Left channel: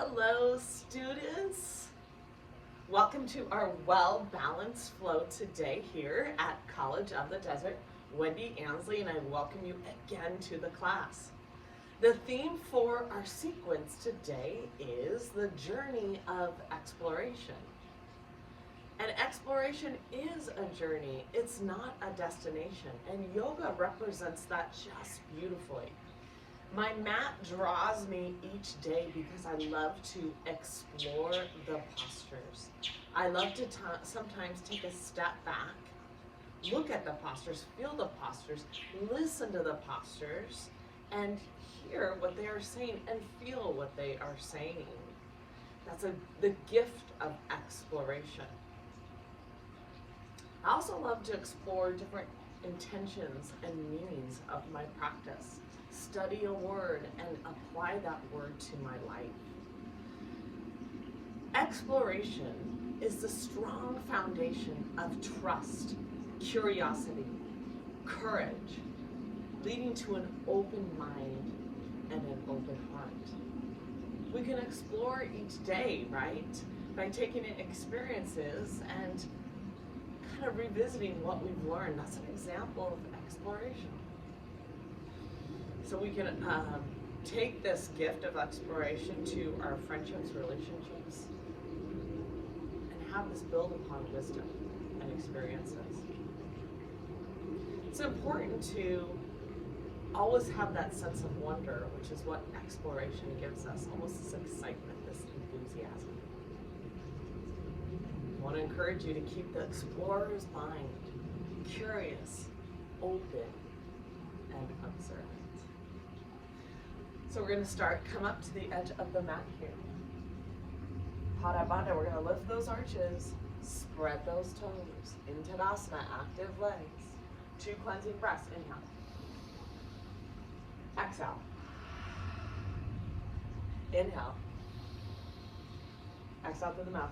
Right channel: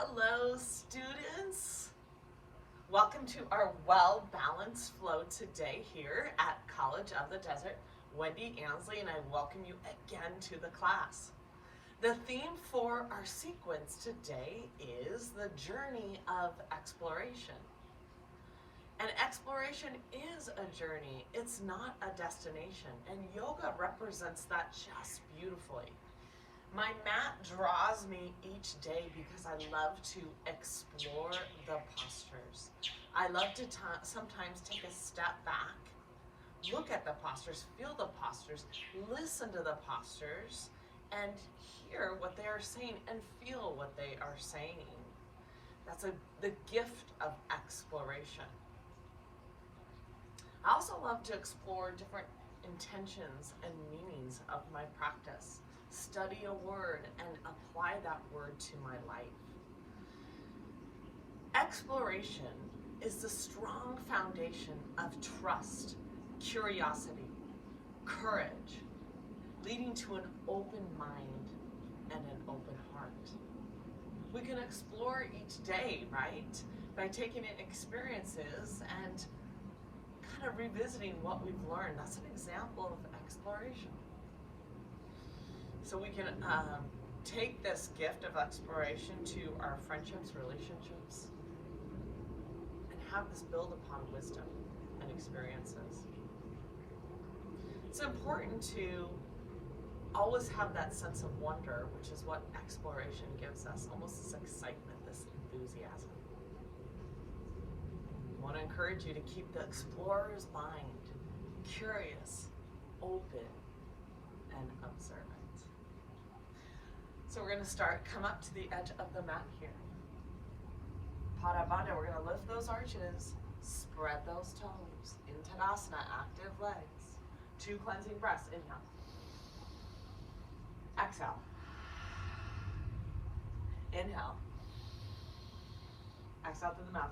Hello, students. Welcome to our well-balanced flow today here at College of the Desert. Wendy Ansley, and I welcome you again to the class. The theme for our sequence today is the journey of exploration. And exploration is a journey, it's not a destination, and yoga represents that just beautifully. My mat draws me each day because I love to explore the postures. I love to sometimes take a step back, look at the postures, feel the postures, listen to the postures, and hear what they are saying and feel what they are saying. That's the gift of exploration. I also love to explore different intentions and meanings of my practice. Study a word and apply that word to my life. Exploration is the strong foundation of trust, curiosity, courage, leading to an open mind and an open heart. We can explore each day, right? By taking in experiences and kind of revisiting what we've learned. That's an example of exploration. So we can take this gift of exploration to our friendships, relationships, and have this build upon wisdom and experiences. It's important to always have that sense of wonder, which is what exploration gives us, almost this excitement, this enthusiasm. I want to encourage you to keep the explorer's mind curious, open, and observant. So we're going to start, come up to the edge of the mat here. Pada Bandha, we're going to lift those arches, spread those toes. In Tadasana, active legs. 2 cleansing breaths, inhale. Exhale. Inhale. Exhale through the mouth.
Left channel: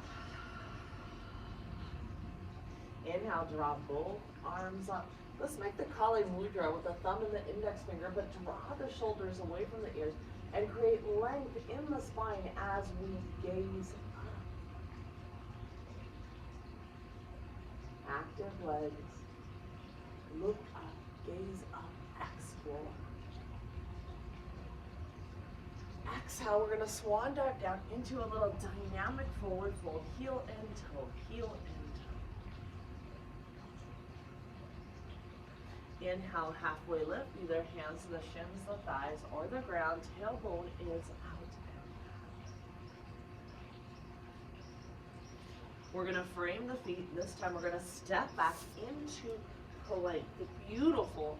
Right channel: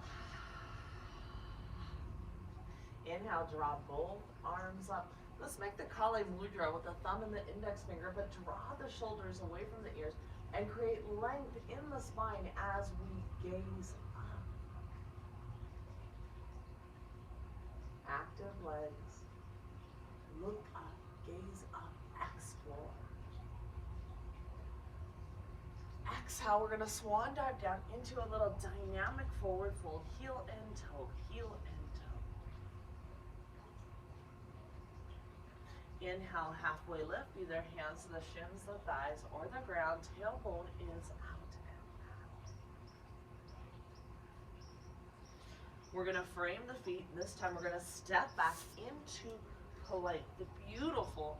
Inhale, draw both arms up. Let's make the Kali Mudra with the thumb and the index finger, but draw the shoulders away from the ears and create length in the spine as we gaze up. Active legs. Look up, gaze up, explore. Exhale, we're going to swan dive down into a little dynamic forward fold, heel and toe, heel and toe. Inhale, halfway lift, either hands to the shins, the thighs, or the ground. Tailbone is out and back. We're going to frame the feet. This time we're going to step back into plank, the beautiful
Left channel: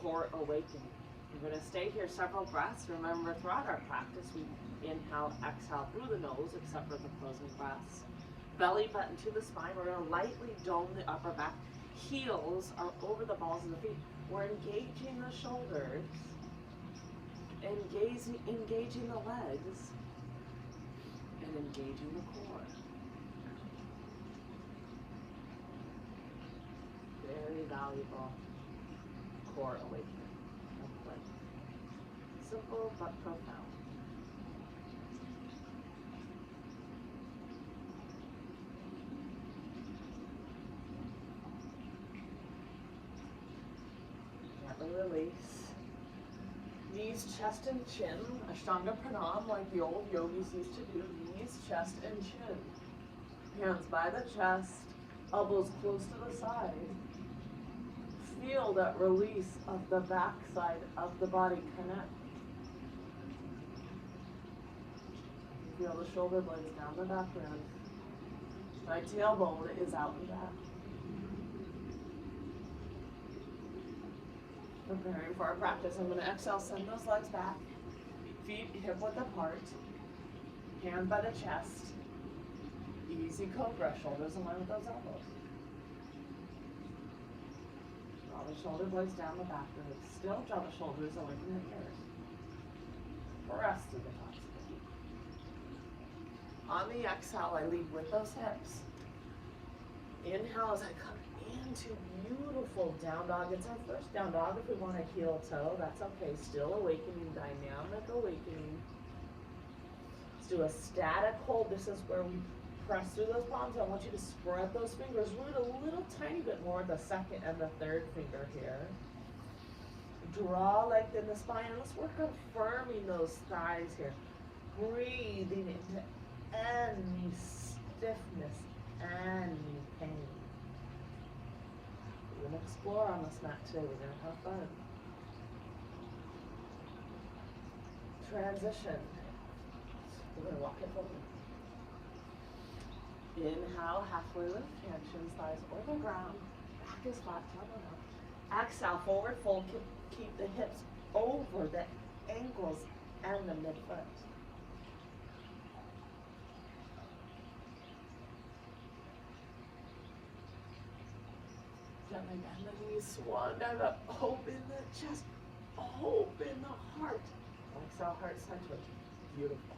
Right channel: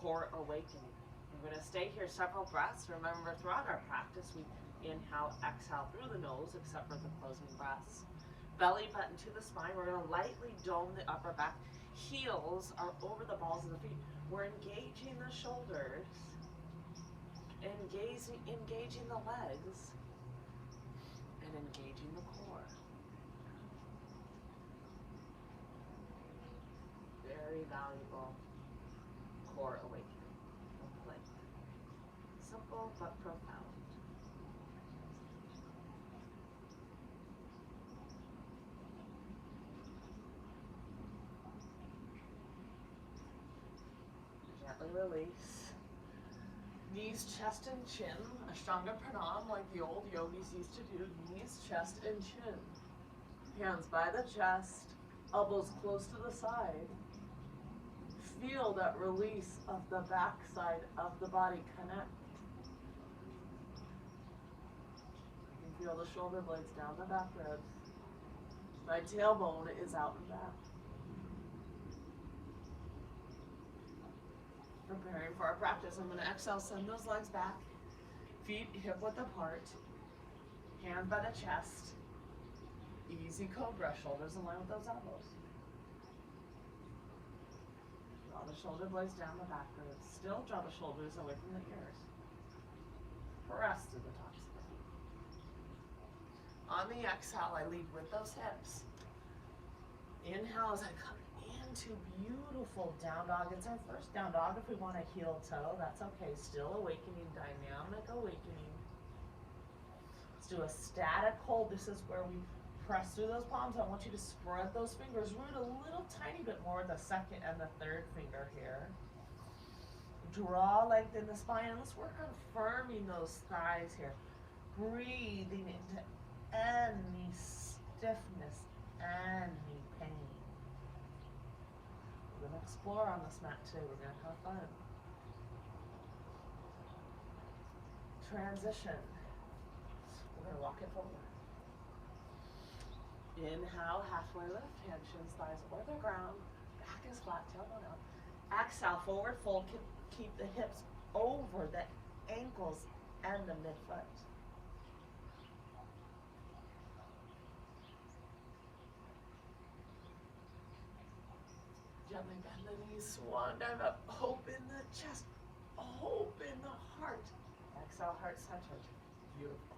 core awakening. We're going to stay here several breaths. Remember, throughout our practice, we inhale, exhale through the nose, except for the closing breaths. Belly button to the spine. We're going to lightly dome the upper back. Heels are over the balls of the feet. We're engaging the shoulders, engaging the legs, and engaging the core. Very valuable core awakening of play. Simple but profound. Release. Knees, chest, and chin. Ashtanga Pranam, like the old yogis used to do. Knees, chest, and chin. Hands by the chest. Elbows close to the side. Feel that release of the back side of the body connect. You feel the shoulder blades down the back ribs. My tailbone is out and back. Preparing for our practice. I'm going to exhale, send those legs back. Feet hip width apart. Hand by the chest. Easy cobra. Shoulders in line with those elbows. Draw the shoulder blades down the back ribs. Still draw the shoulders away from the ears. Press to the tops of the feet. On the exhale, I lead with those hips. Inhale as I come into beautiful down dog. It's our first down dog. If we want a heel toe, that's okay. Still awakening, dynamic awakening. do a static hold. This is where we press through those palms. I want you to spread those fingers, root a little tiny bit more the second and the third finger here. Draw length in the spine. Let's work on firming those thighs here. Breathing into any stiffness, any pain. We're going to explore on this mat today. We're going to have fun. Transition. We're going to walk it forward. Inhale, halfway lift, hand, shins, thighs, or the ground. Back is flat, tailbone up. Exhale, forward fold. Keep the hips over the ankles and the midfoot. Gently bend the knees, swan dive up, open the chest, open the heart. Exhale, heart center. Beautiful.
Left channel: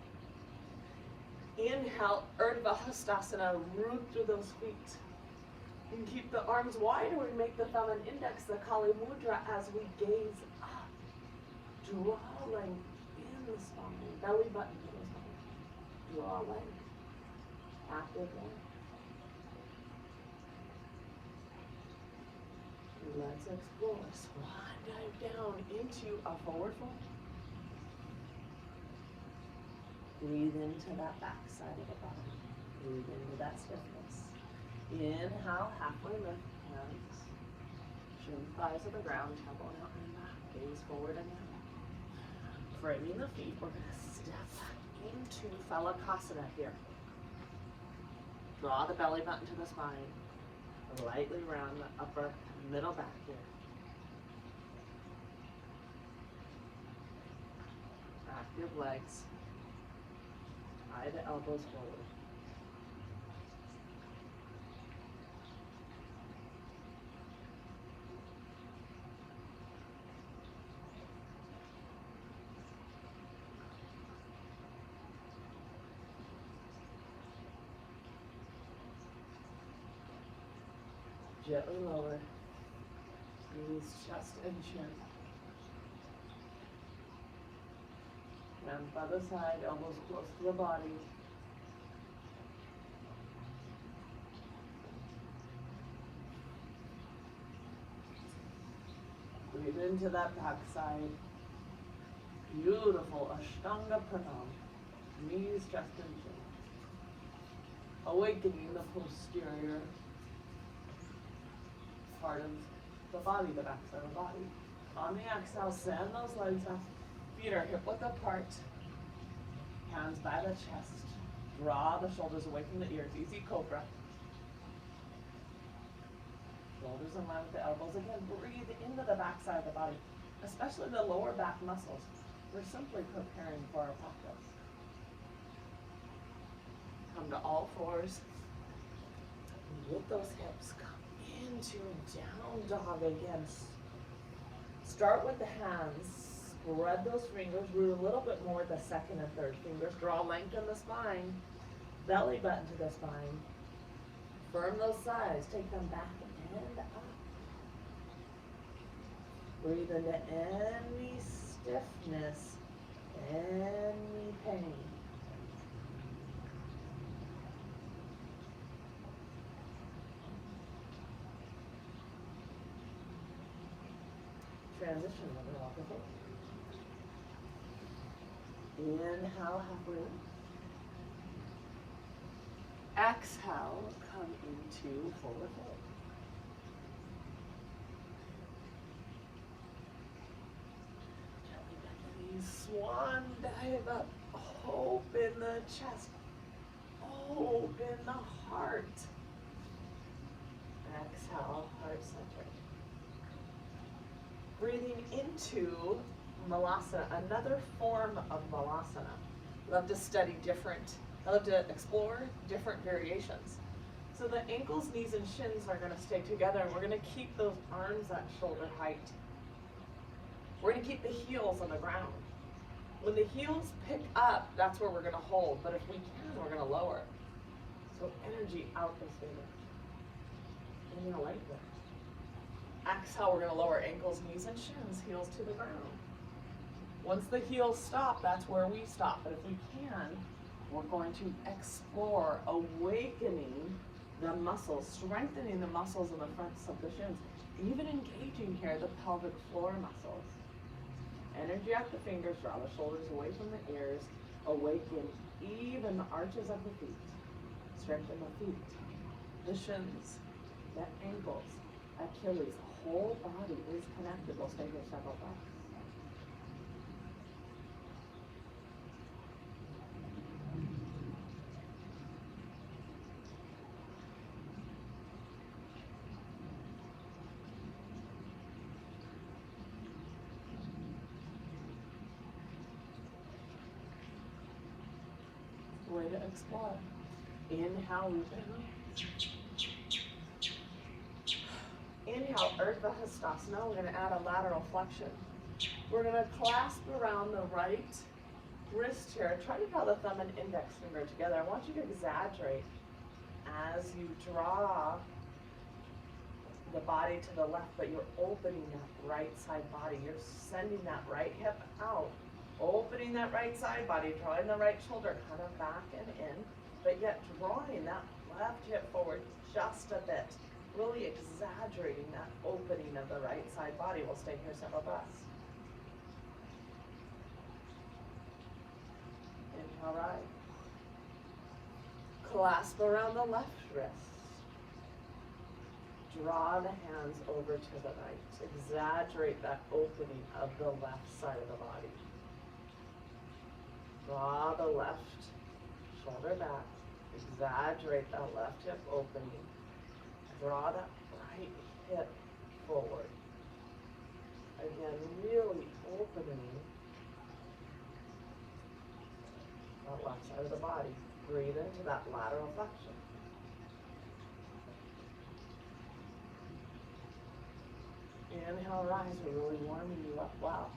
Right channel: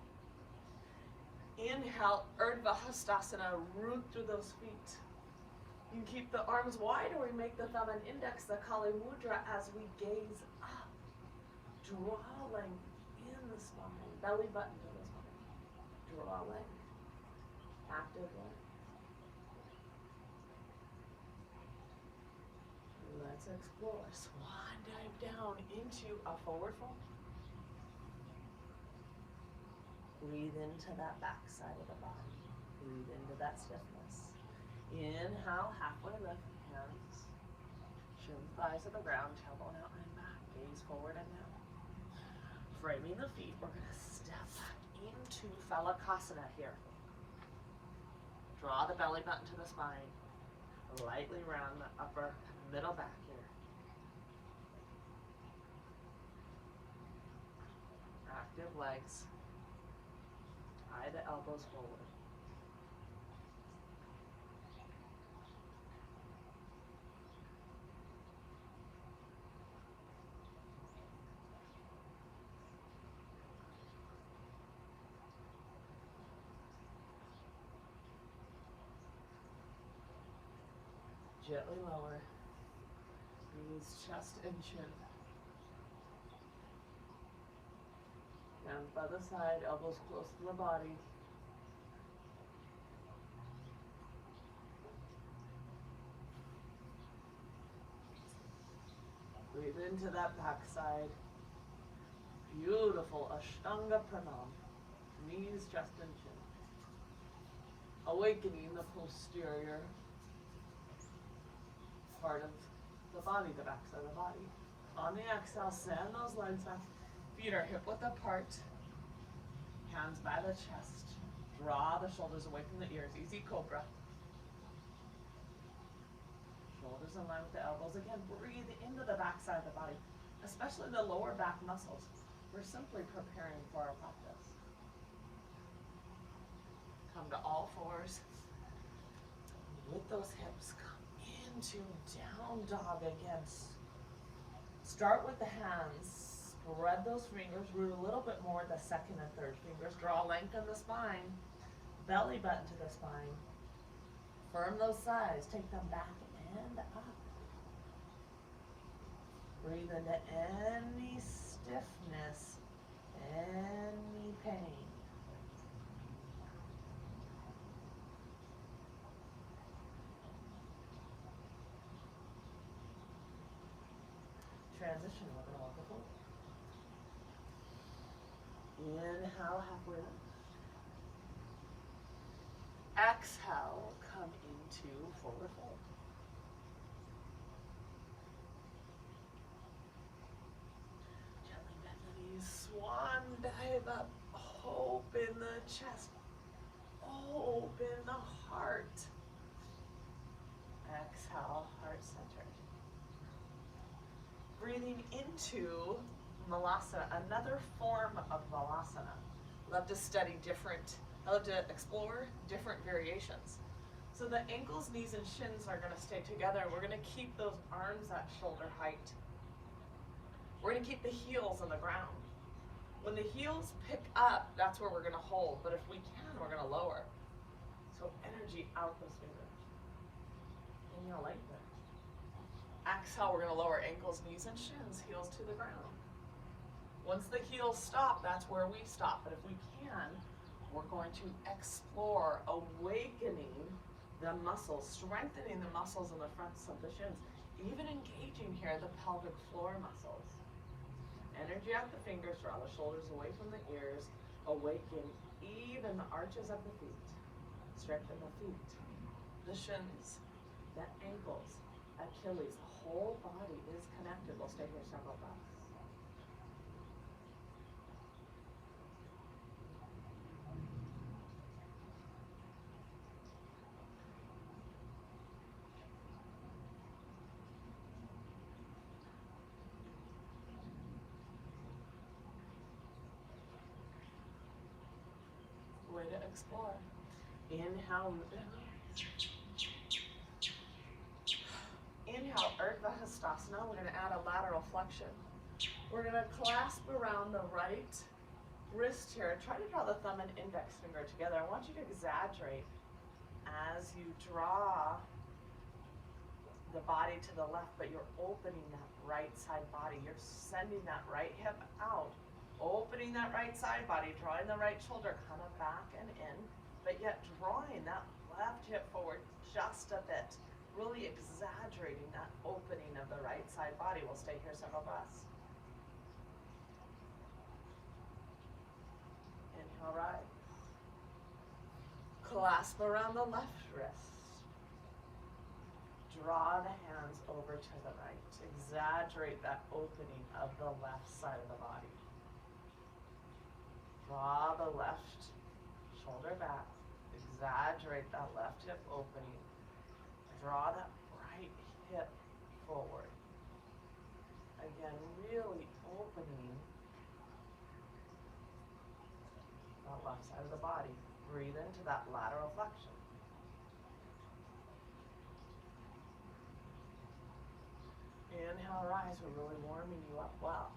Inhale, Urdhva Hastasana, root through those feet. You can keep the arms wide, or we make the thumb and index the Kali Mudra as we gaze up. Draw length in the spine, belly button to the spine. Draw length. Active length. Let's explore. Swan dive down into a forward fold. Breathe into that back side of the body. Breathe into that stiffness. Inhale, halfway lift, hands. Shin, thighs to the ground, tailbone out and back. Gaze forward and down. Framing the feet, we're going to step into Phalakasana here. Draw the belly button to the spine. Lightly round the upper middle back here. Active legs. Tie the elbows forward. Gently lower. Knees, chest, and chin. Hands by the side, elbows close to the body. Breathe into that back side. Beautiful Ashtanga Pranam. Knees, chest, and chin. Awakening the posterior part of the body, the back side of the body. On the exhale, send those legs back. Feet are hip width apart. Hands by the chest. Draw the shoulders away from the ears. Easy cobra. Shoulders in line with the elbows. Again, breathe into the back side of the body, especially the lower back muscles. We're simply preparing for our practice. Come to all fours. With those hips, come into down dog again. Start with the hands. Spread those fingers, root a little bit more the second and third fingers. Draw length in the spine. Belly button to the spine. Firm those thighs. Take them back and up. Breathe into any stiffness, any pain. Transition, we're going to walk it forward. Inhale, halfway lift. Exhale, come into forward fold. Gently bend the knees, swan dive up, open the chest, open the heart. Exhale, heart centered. Breathing into Malasana, another form of Malasana. Love to study I love to explore different variations. So the ankles, knees, and shins are going to stay together, and we're going to keep those arms at shoulder height. We're going to keep the heels on the ground. When the heels pick up, that's where we're going to hold, but if we can, we're going to lower. So energy out those fingers. Inhale, light lift. Exhale, we're going to lower ankles, knees, and shins, heels to the ground. Once the heels stop, that's where we stop. But if we can, We're going to explore awakening the muscles, strengthening the muscles in the fronts of the shins, even engaging here the pelvic floor muscles. Energy at the fingers, draw the shoulders away from the ears, awaken even the arches of the feet. Strengthen the feet, the shins, the ankles, Achilles. The whole body is connected. We'll stay here several breaths. Way to explore. Inhale, inhale, Urdhva Hastasana. We're going to add a lateral flexion. We're going to clasp around the right wrist here. Try to draw the thumb and index finger together. I want you to exaggerate as you draw the body to the left, but you're opening that right side body. You're sending that right hip out. Opening that right side body, drawing the right shoulder kind of back and in, but yet drawing that left hip forward just a bit. Really exaggerating that opening of the right side body. We'll stay here several breaths. Inhale, right. Clasp around the left wrist. Draw the hands over to the right. Exaggerate that opening of the left side of the body. Draw the left shoulder back. Exaggerate that left hip opening. Draw that right hip forward. Again, really opening that left side of the body. Breathe into that lateral flexion. Inhale, rise. We're really warming you up well.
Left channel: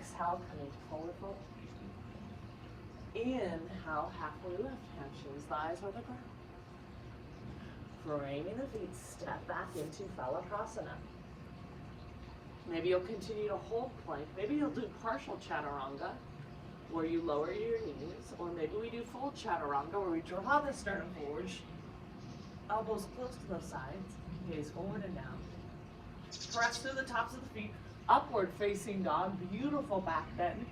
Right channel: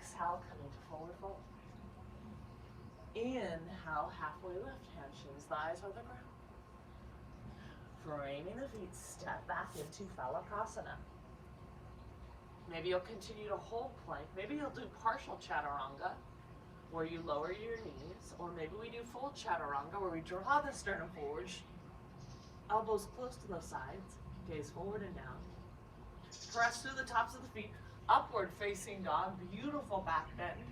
Exhale, come into forward fold. Inhale, halfway lift, hands, shins, thighs are the ground. Framing the feet, step back into Phalacrasana. Maybe you'll continue to hold plank. Maybe you'll do partial Chaturanga, where you lower your knees, or maybe we do full Chaturanga, where we draw the sternum forward, elbows close to the sides, gaze forward and down. Press through the tops of the feet, upward facing dog, beautiful back bend.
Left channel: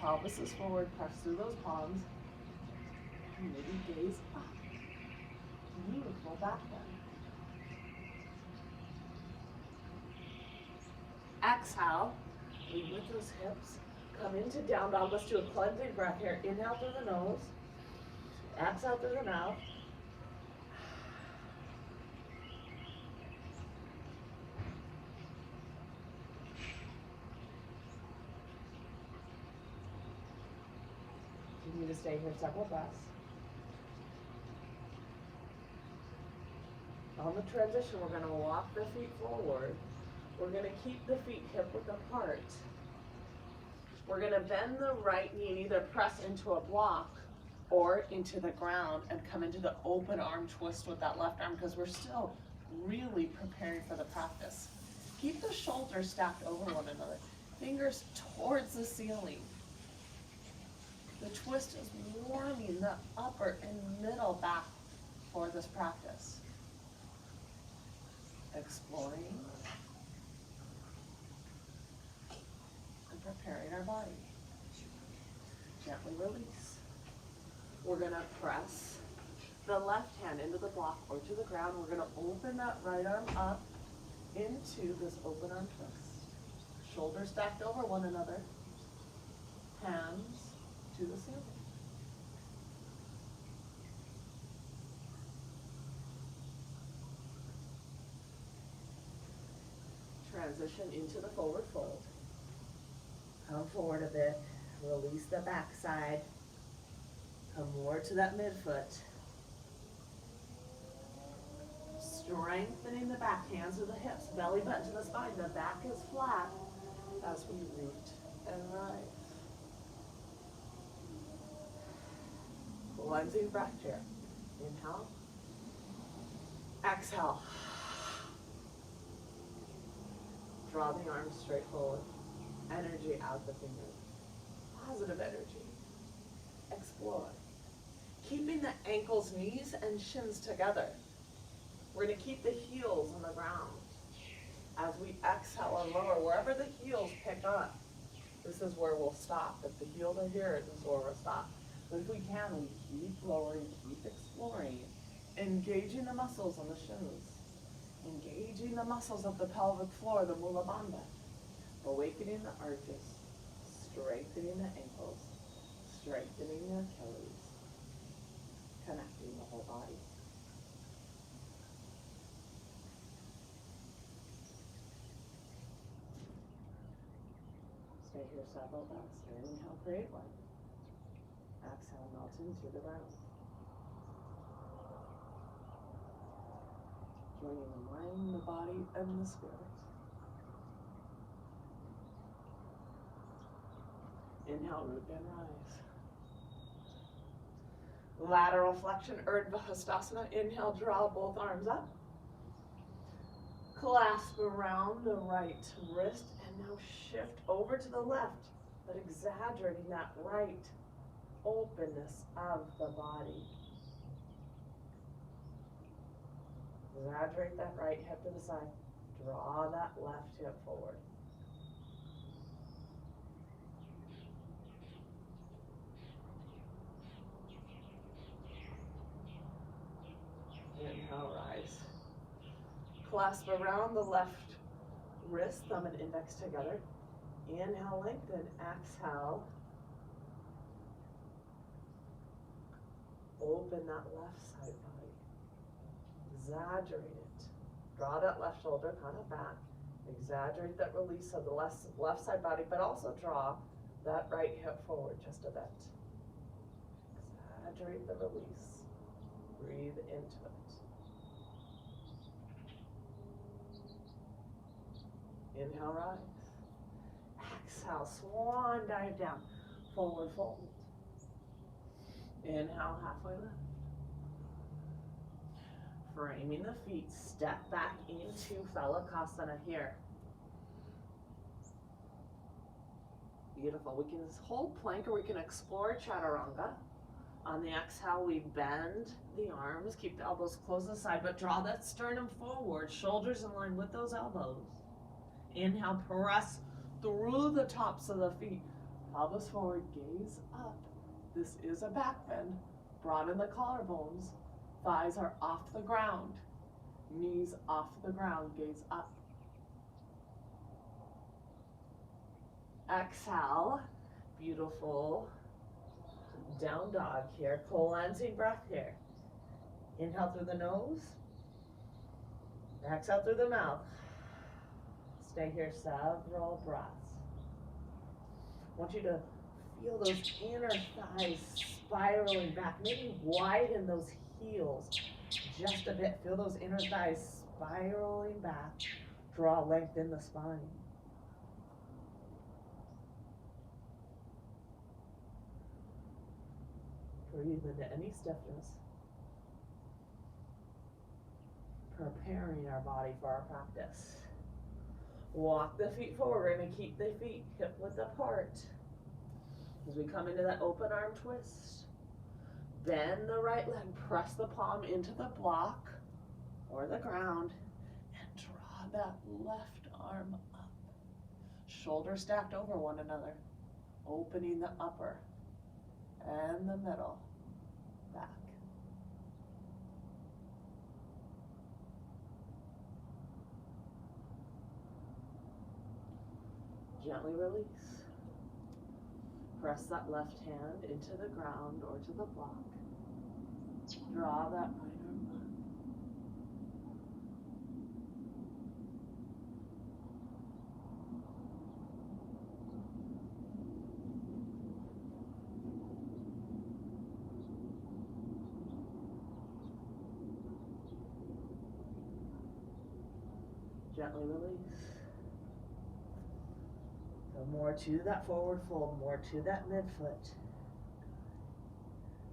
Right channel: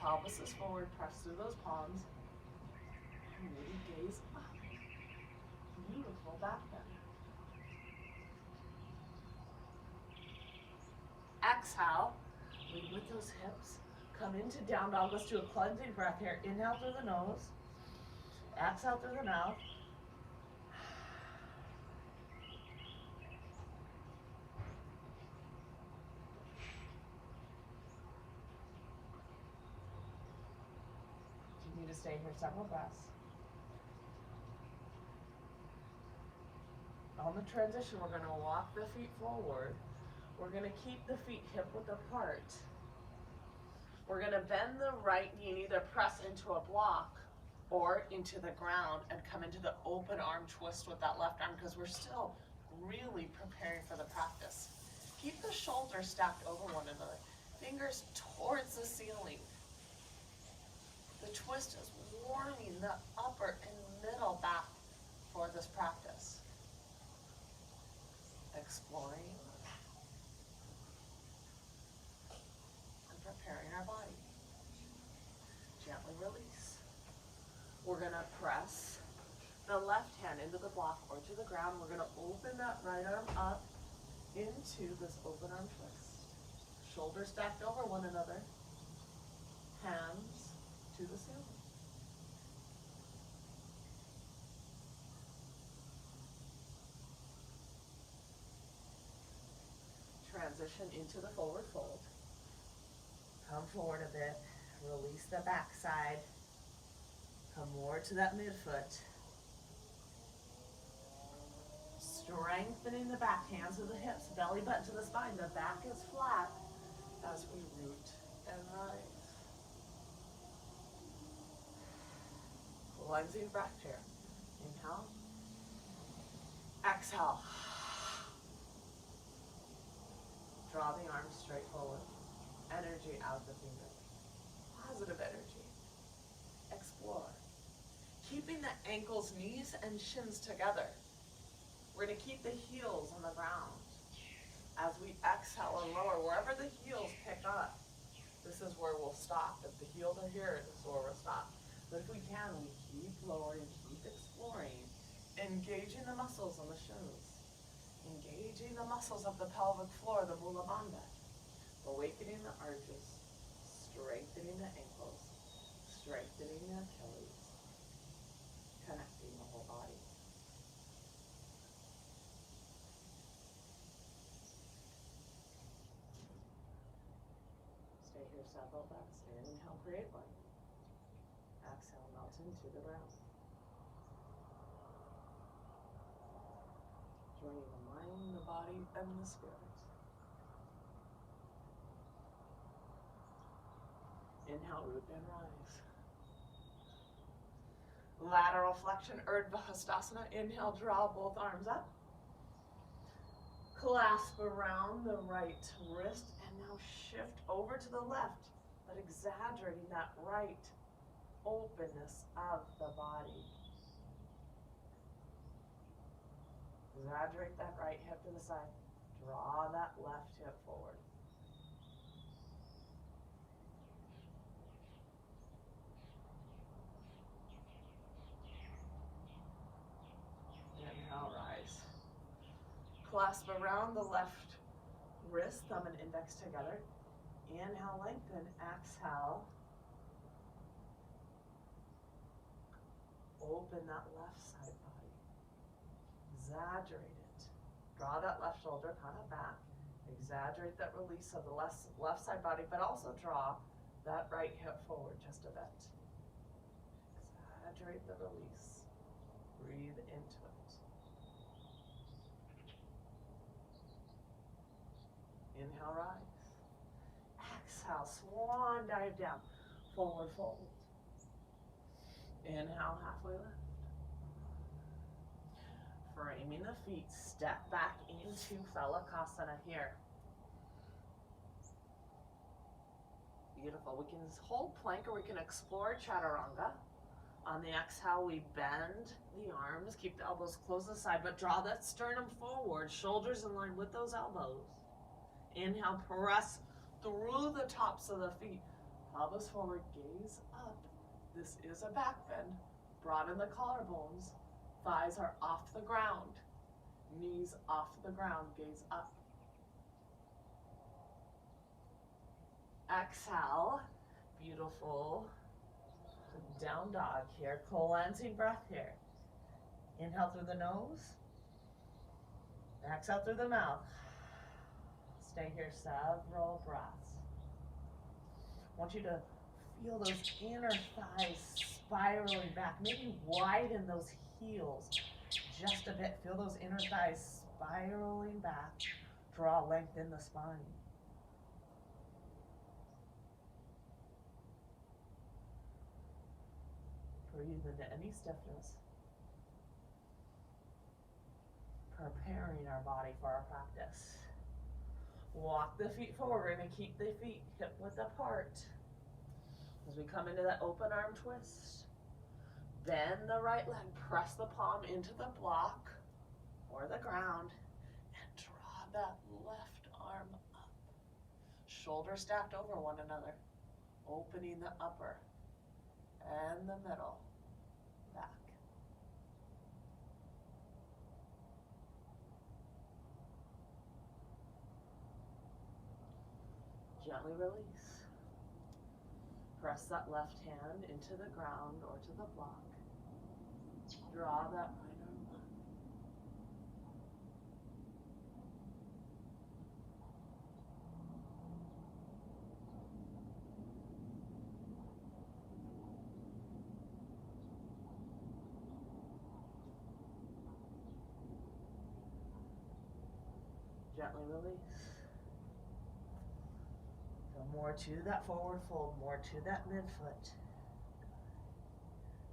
Pelvis is forward, press through those palms, and maybe gaze up. Beautiful back bend. Exhale, lead with those hips. Come into down dog. Let's do a cleansing breath here. Inhale through the nose. Exhale through the mouth. Continue to stay here several breaths. On the transition, we're going to walk the feet forward. We're going to keep the feet hip width apart. We're going to bend the right knee and either press into a block or into the ground and come into the open arm twist with that left arm, because we're still really preparing for the practice. Keep the shoulders stacked over one another. Fingers towards the ceiling. The twist is warming the upper and middle back for this practice. Exploring and preparing our body. Gently release. We're going to press the left hand into the block or to the ground. We're going to open that right arm up into this open arm twist. Shoulders stacked over one another. Hands to the ceiling. Transition into the forward fold. Come forward a bit. Release the back side. Come more to that midfoot. Strengthening the back, hands to the hips, belly button to the spine. The back is flat as we root and rise. Cleansing breath here. Inhale. Exhale. Draw the arms straight forward. Energy out the fingers. Positive energy. Explore. ankles, knees, and shins together. We're going to keep the heels on the ground. As we exhale and lower, wherever the heels pick up, this is where we'll stop. If the heels are here, this is where we'll stop. But if we can, we keep lowering, keep exploring, engaging the muscles on the shins, engaging the muscles of the pelvic floor, the Mula Bandha, awakening the arches, strengthening the ankles, strengthening the Achilles, connecting the whole body. Stay here several breaths. Inhale, create one. Exhale, melt into the ground. Joining the mind, the body, and the spirit. Inhale, root and rise. Lateral flexion, Urdhva Hastasana. Inhale, draw both arms up. Clasp around the right wrist and now shift over to the left, but exaggerating that right openness of the body. Exaggerate that right hip to the side. Draw that left hip forward. Inhale, rise. Clasp around the left wrist, thumb and index together. Inhale, lengthen. Exhale. Open that left side body. Exaggerate it. Draw that left shoulder kind of back. Exaggerate that release of the left side body, but also draw that right hip forward just a bit. Exaggerate the release. Breathe into it. Inhale, rise. Exhale, swan dive down. Forward fold. Inhale, halfway lift. Framing the feet, step back into Phalakasana here. Beautiful. We can hold plank or we can explore Chaturanga. On the exhale, we bend the arms, keep the elbows close to the side, but draw that sternum forward, shoulders in line with those elbows. Inhale, press through the tops of the feet. Pelvis forward, gaze up. This is a back bend. Broaden the collarbones. Thighs are off the ground. Knees off the ground, gaze up. Exhale, beautiful. Down dog here, cleansing breath here. Inhale through the nose. Exhale through the mouth. Stay here several breaths. I want you to feel those inner thighs spiraling back. Maybe widen those heels just a bit. Feel those inner thighs spiraling back. Draw length in the spine. Breathe into any stiffness. Preparing our body for our practice. Walk the feet forward. We're going to keep the feet hip width apart. As we come into that open arm twist, bend the right leg, press the palm into the block or the ground, and draw that left arm up. Shoulders stacked over one another, opening the upper and the middle back. Gently release. Press that left hand into the ground or to the block. Draw that right arm up. Gently release. So more to that forward fold, more to that midfoot.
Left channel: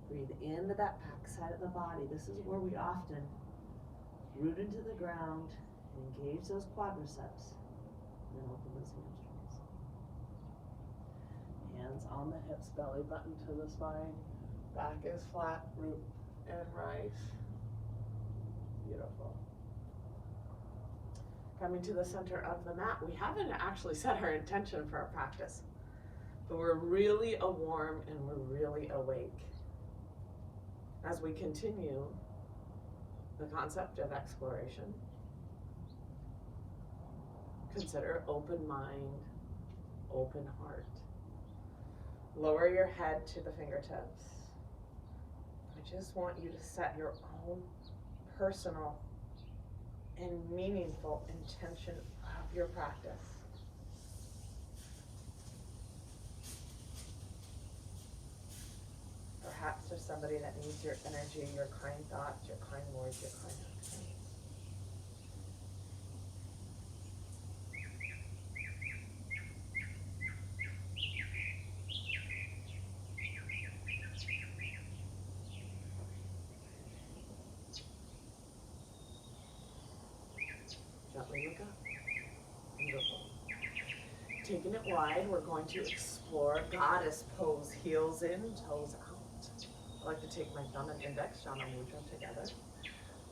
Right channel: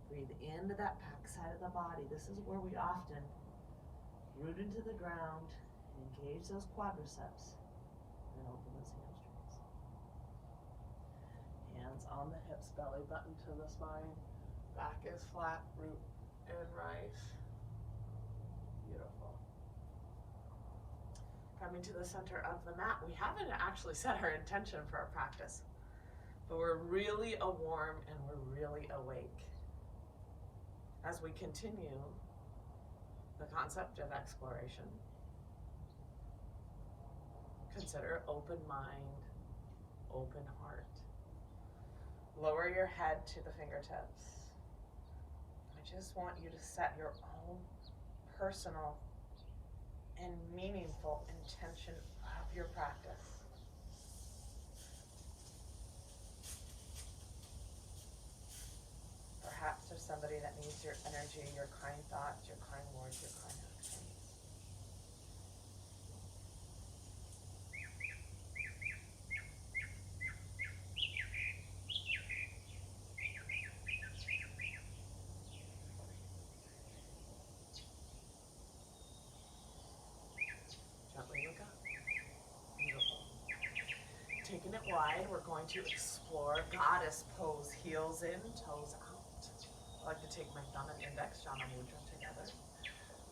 Breathe into that back side of the body. This is where we often root into the ground and engage those quadriceps. And then open those hamstrings. Hands on the hips, belly button to the spine. Back is flat, root. and rise. Beautiful. Coming to the center of the mat. We haven't actually set our intention for our practice, but we're really warm and we're really awake. As we continue the concept of exploration, consider open mind, open heart. Lower your head to the fingertips. I just want you to set your own personal and meaningful intention of your practice. Perhaps there's somebody that needs your energy, your kind thoughts, your kind words, your kind actions. Gently look up. Beautiful. Taking it wide, we're going to explore goddess pose. Heels in, toes out. I like to take my thumb and index, Jana Mudra, together.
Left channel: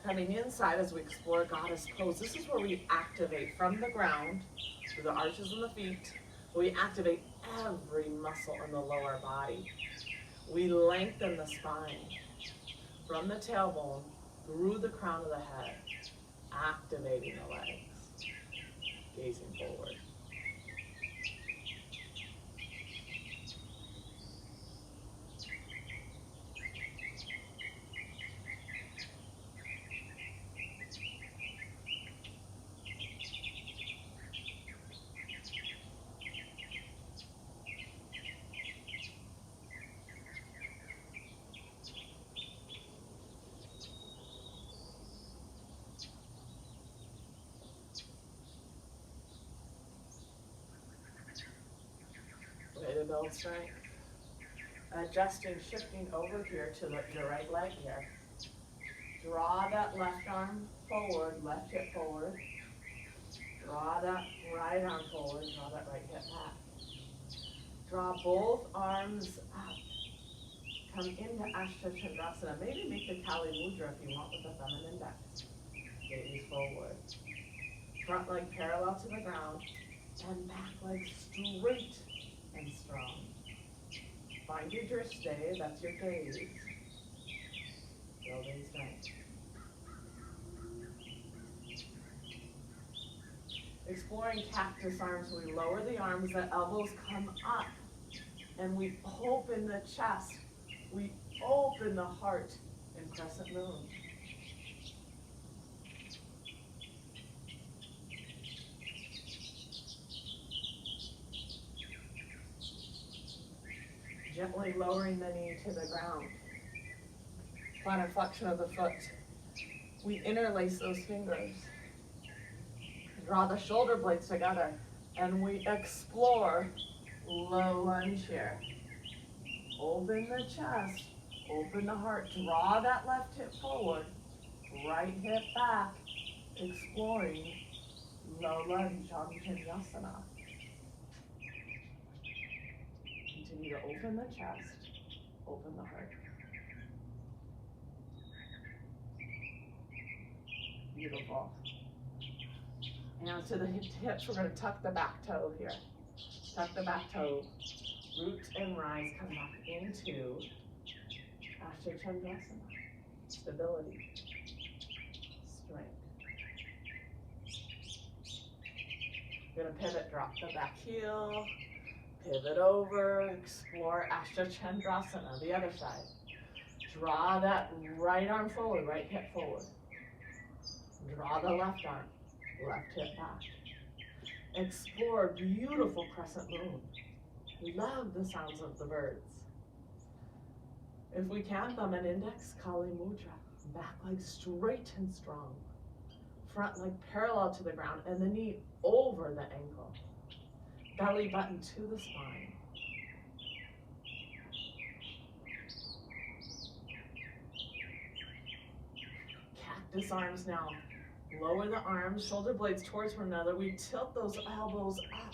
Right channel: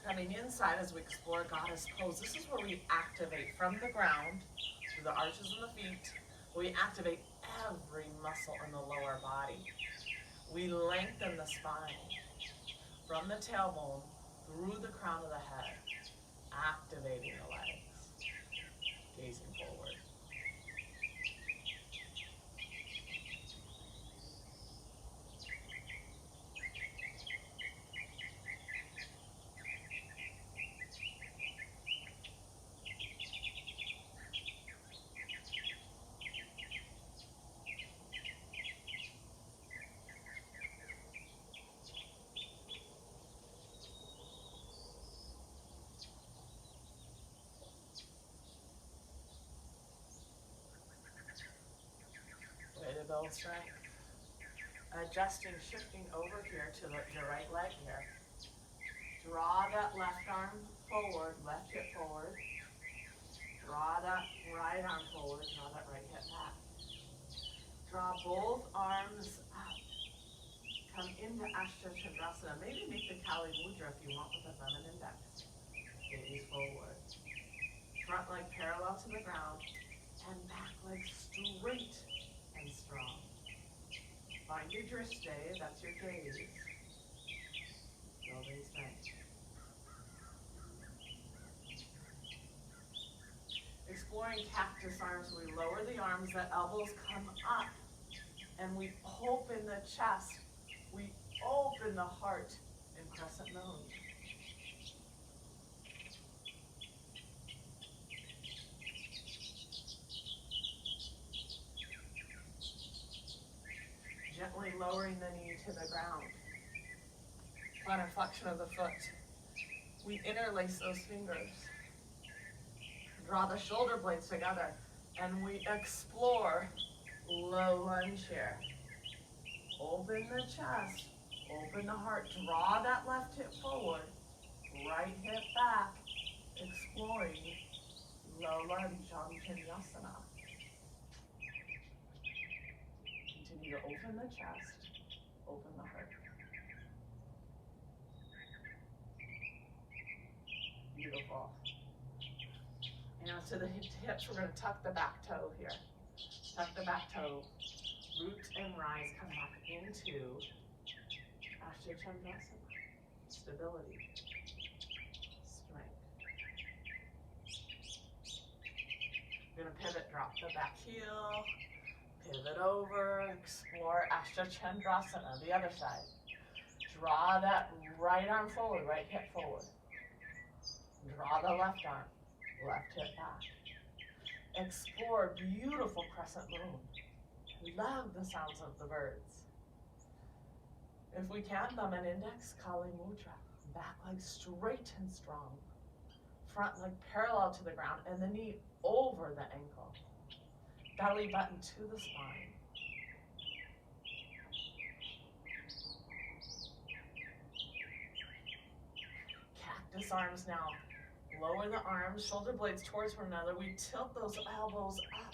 Coming inside as we explore goddess pose. This is where we activate from the ground, through the arches in the feet. We activate every muscle in the lower body. We lengthen the spine from the tailbone through the crown of the head, activating the legs, gazing forward. Way to build strength. Adjusting, shifting over here to your right leg here. Draw that left arm forward, left hip forward. Draw that right arm forward, draw that right hip back. Draw both arms up. Come into Ashtha Chandrasana. Maybe make the Kali Mudra if you want with the thumb and index. Gaze forward. Front leg parallel to the ground and back leg straight and strong. Find your drishti, that's your gaze. Building strength. Exploring cactus arms, we lower the arms, the elbows come up, and we open the chest. We open the heart in crescent moon. Gently lowering the knee to the ground. Plantar flexion of the foot. We interlace those fingers. Draw the shoulder blades together, and we explore low lunge here. Open the chest, open the heart. Draw that left hip forward, right hip back, exploring low lunge, Anjanyasana. Continue to open the chest, open the heart. Beautiful. Now to the hips, we're going to tuck the back toe here. Tuck the back toe, root and rise, come back into Ashtha Chandrasana. Stability, strength. We're going to pivot, drop the back heel, pivot over, explore Ashtha Chandrasana, the other side. Draw that right arm forward, right hip forward. Draw the left arm, left hip back. Explore beautiful crescent moon. Love the sounds of the birds. If we can, thumb and index, Kali Mudra. Back leg straight and strong. Front leg parallel to the ground and the knee over the ankle. Belly button to the spine. Cactus arms now. Lower the arms, shoulder blades towards one another. We tilt those elbows up.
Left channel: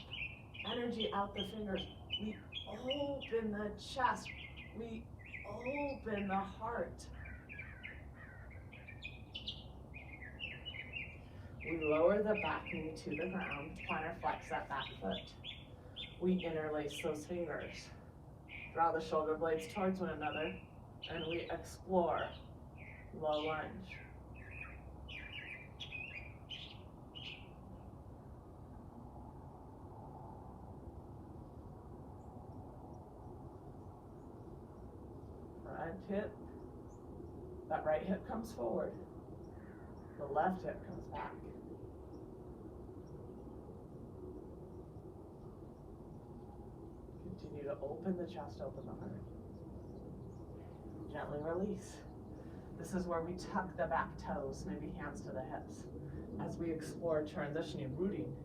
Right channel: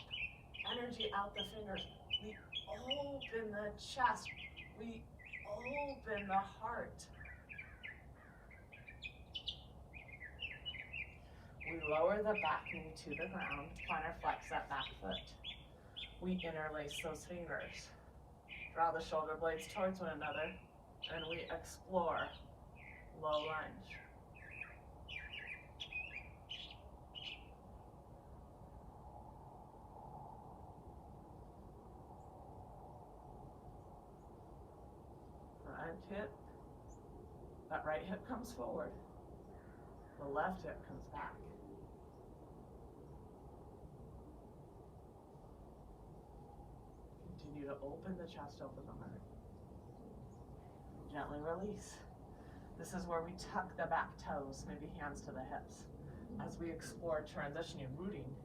Energy out the fingers. We open the chest. We open the heart. We lower the back knee to the ground, plantar flex that back foot. We interlace those fingers. Draw the shoulder blades towards one another, and we explore low lunge. Front hip, that right hip comes forward. The left hip comes back. Continue to open the chest, open the heart. Gently release. This is where we tuck the back toes, maybe hands to the hips, as we explore transitioning, rooting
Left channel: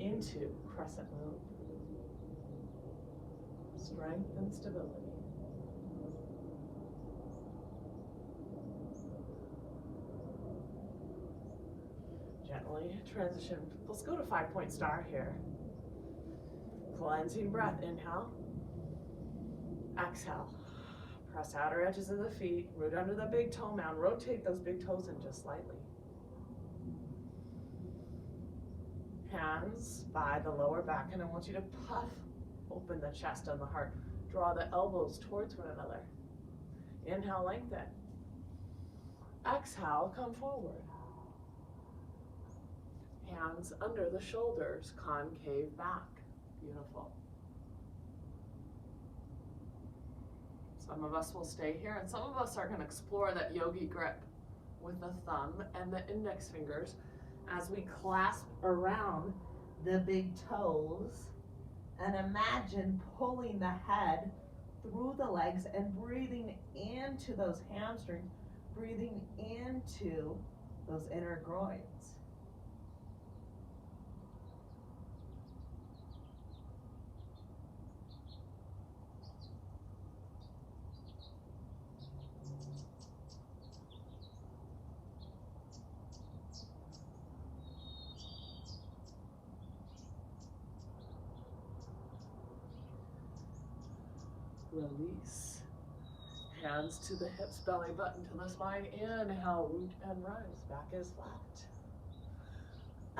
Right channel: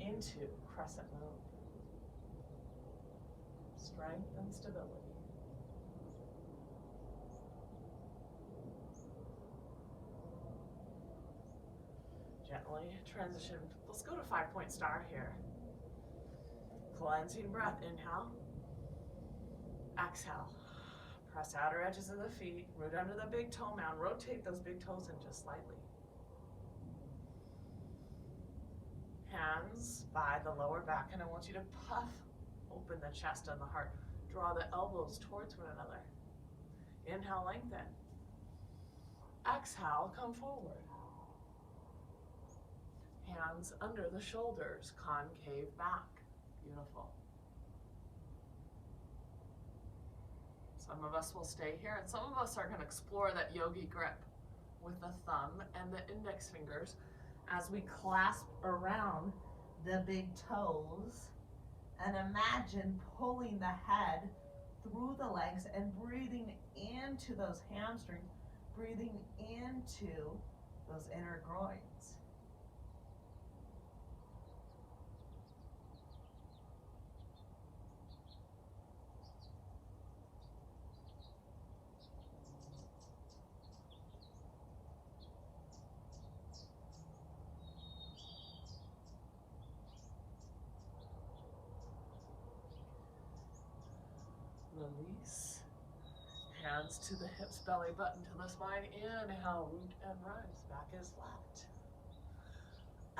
into crescent moon. Strength and stability. Gently transition. Let's go to 5-point star here. Cleansing breath, inhale. Exhale. Press outer edges of the feet, root under the big toe mound, rotate those big toes in just slightly. Hands by the lower back, and I want you to puff open the chest and the heart. Draw the elbows towards one another. Inhale, lengthen. Exhale, come forward. Hands under the shoulders, concave back. Beautiful. Some of us will stay here, and some of us are going to explore that yogi grip with the thumb and the index fingers as we clasp around the big toes and imagine pulling the head through the legs and breathing into those hamstrings, breathing into those inner groins. Release. Hands to the hips, belly button to the spine. Inhale, root and rise. Back is flat.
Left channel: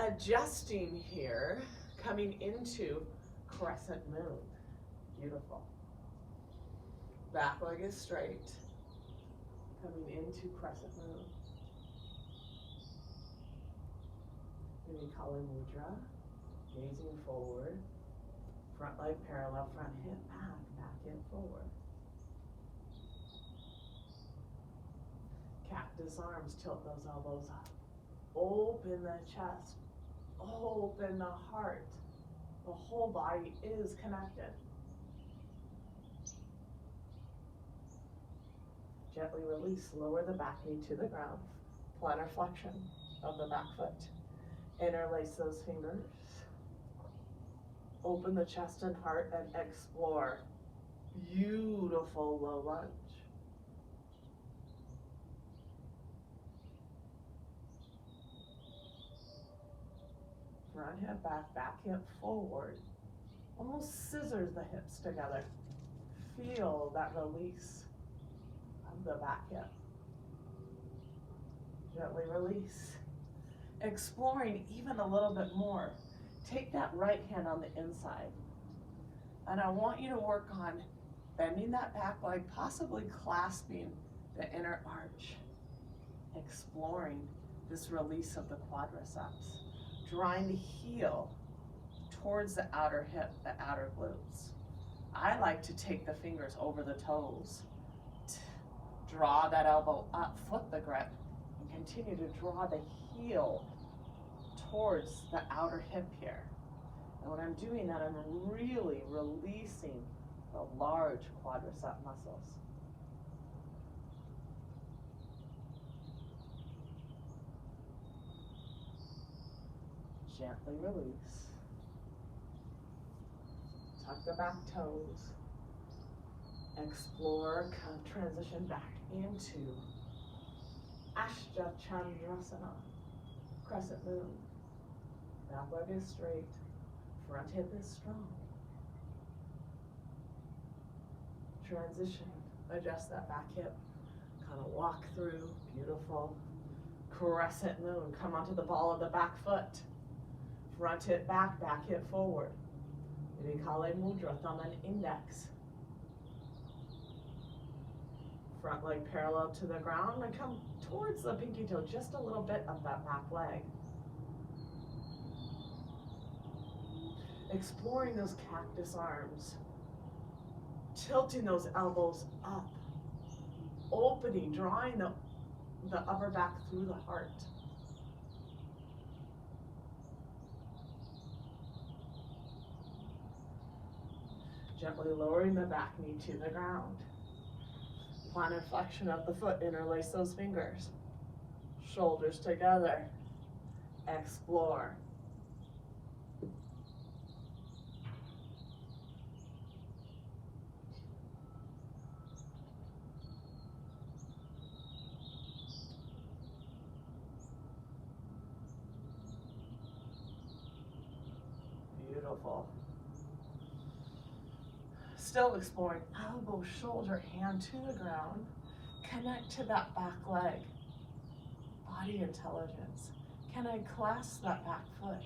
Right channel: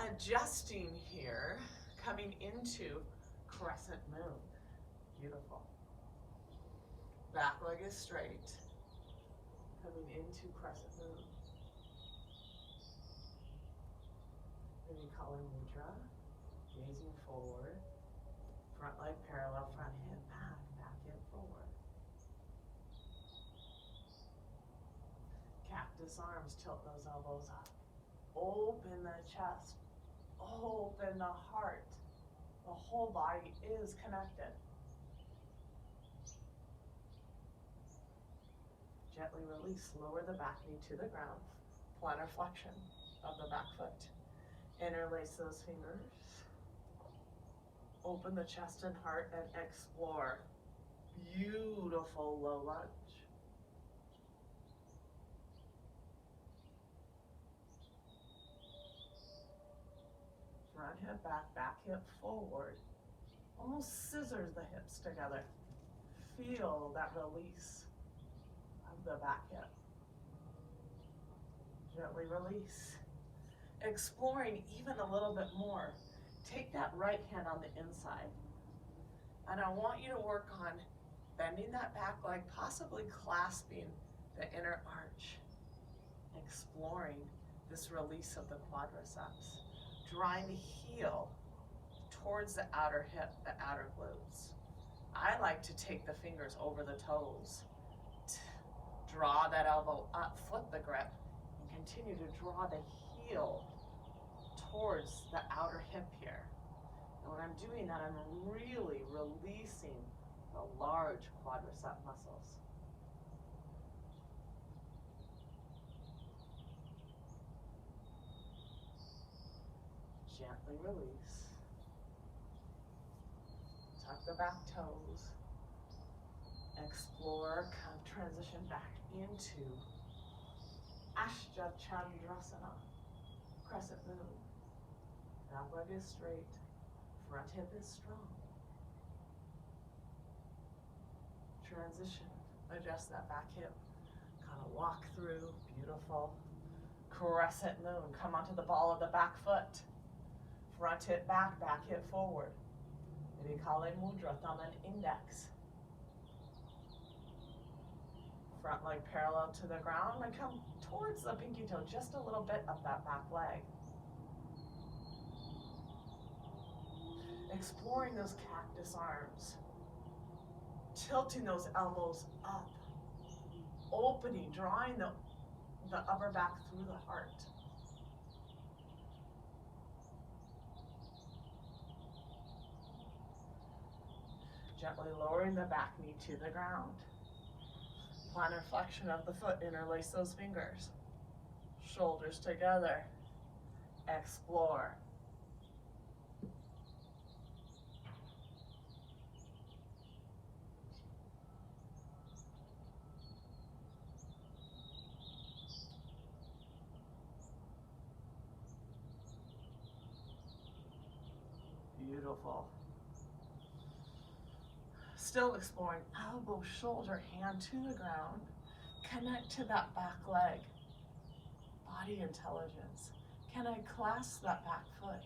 Adjusting here, coming into crescent moon. Beautiful. Back leg is straight. Coming into crescent moon. Maybe Kali Mudra. Gazing forward. Front leg parallel, front hip back, back hip forward. Cactus arms, tilt those elbows up. Open the chest, open the heart. The whole body is connected. Gently release, lower the back knee to the ground. Plantar flexion of the back foot. Interlace those fingers. Open the chest and heart and explore. Beautiful low lunge. Front hip back, back hip forward. Almost scissors the hips together. Feel that release of the back hip. Gently release. Exploring even a little bit more. Take that right hand on the inside, and I want you to work on bending that back leg, possibly clasping the inner arch, exploring this release of the quadriceps, drawing the heel towards the outer hip, the outer glutes. I like to take the fingers over the toes, draw that elbow up, flip the grip, and continue to draw the heel towards the outer hip here. And when I'm doing that, I'm really releasing the large quadricep muscles. Gently release. Tuck the back toes. Explore, transition back into Ashtha Chandrasana, crescent moon. Back leg is straight, front hip is strong. Transition, adjust that back hip, kind of walk through, beautiful. Crescent moon. Come onto the ball of the back foot. Front hip back, back hip forward. Virikale Mudra, thumb and index. Front leg parallel to the ground and come towards the pinky toe, just a little bit of that back leg. Exploring those cactus arms. Tilting those elbows up. Opening, drawing the upper back through the heart. Gently lowering the back knee to the ground. Plantar flexion of the foot, interlace those fingers. Shoulders together. Explore. Beautiful. Still exploring elbow, shoulder, hand to the ground. Connect to that back leg. Body intelligence. Can I clasp that back foot?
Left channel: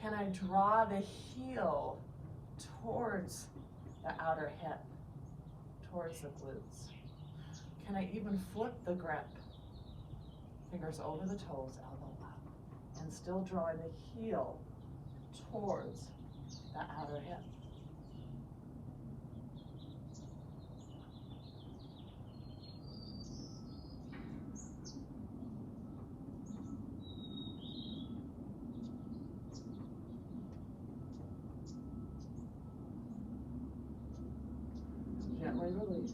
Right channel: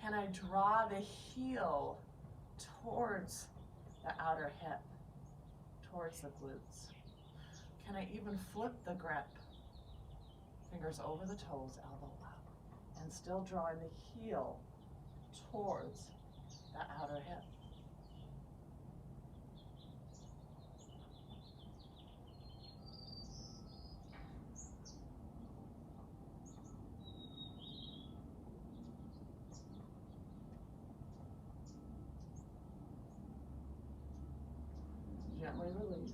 Can I draw the heel towards the outer hip, towards the glutes? Can I even flip the grip? Fingers over the toes, elbow up, and still drawing the heel towards the outer hip. Gently release.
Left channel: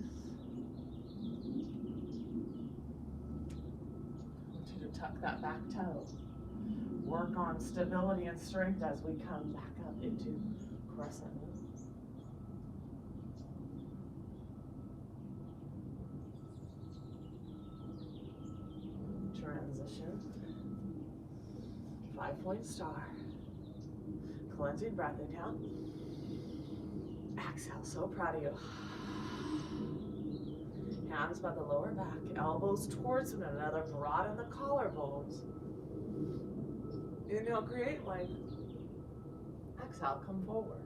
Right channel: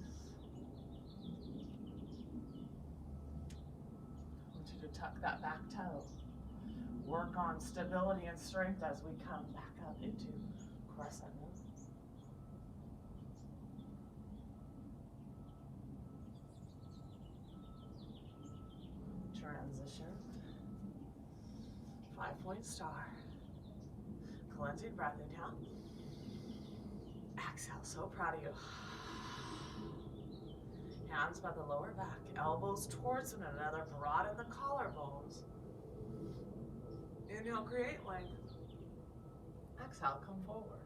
I want you to tuck that back toe. Work on stability and strength as we come back up into crescent moon. Transition. 5-point star. Cleansing breath, inhale. Exhale, so proud of you. Hands by the lower back, elbows towards one another, broaden the collarbones. Inhale, create length. Exhale, come forward.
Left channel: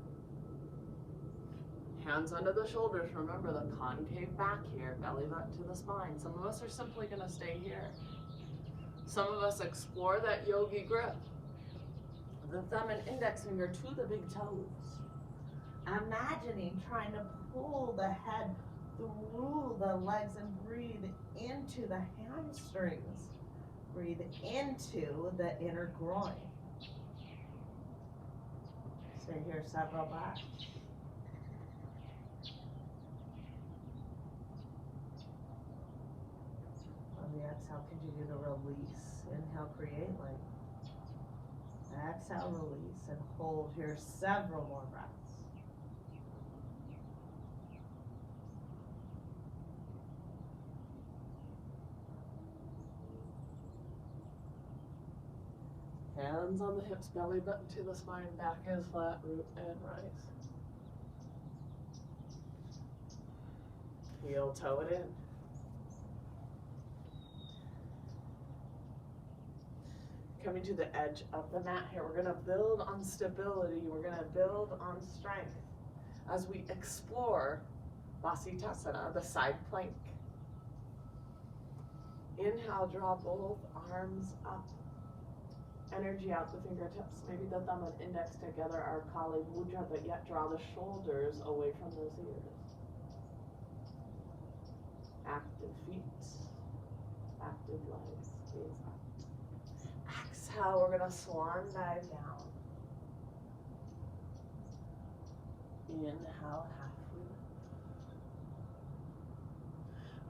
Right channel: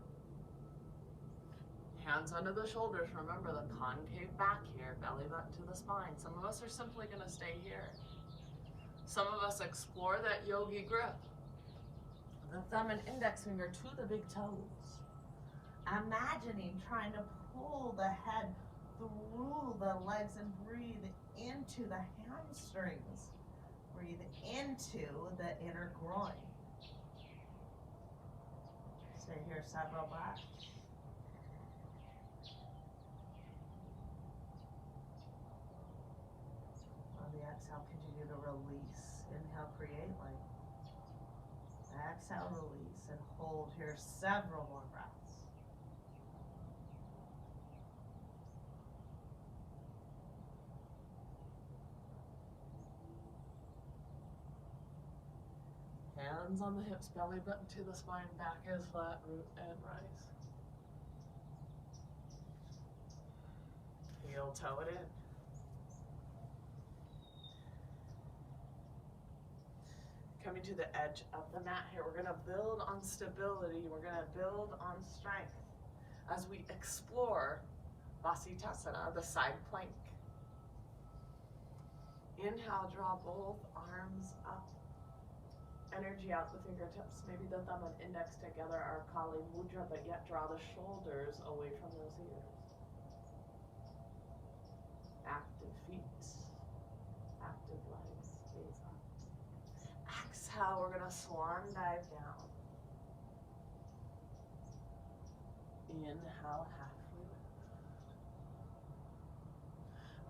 Hands under the shoulders. Remember the concave back here, belly button to the spine. Some of us are simply going to stay here. Some of us explore that yogi grip. The thumb and index finger to the big toes. Imagining trying to pull the head through the legs and breathe into the hamstrings. Breathe into the inner groin. Stay here several breaths. On the exhale, continue to release. Inhale, create length. Exhale, release, and hold here several more breaths. Hands on the hips, belly button to the spine, back is flat, root and rise. Heel toe it in. Coming to the edge of the mat here, we're gonna build on stability, we're gonna build on strength as we explore Vasisthasana, the side plank. Inhale, draw both arms up. Energy out the fingertips, maybe the thumb and index together are Kali Mudra, but yet draw the shoulders away from those ears. Active feet, active legs, gaze up. Exhale, we're gonna swan dive down. Inhale, halfway lift.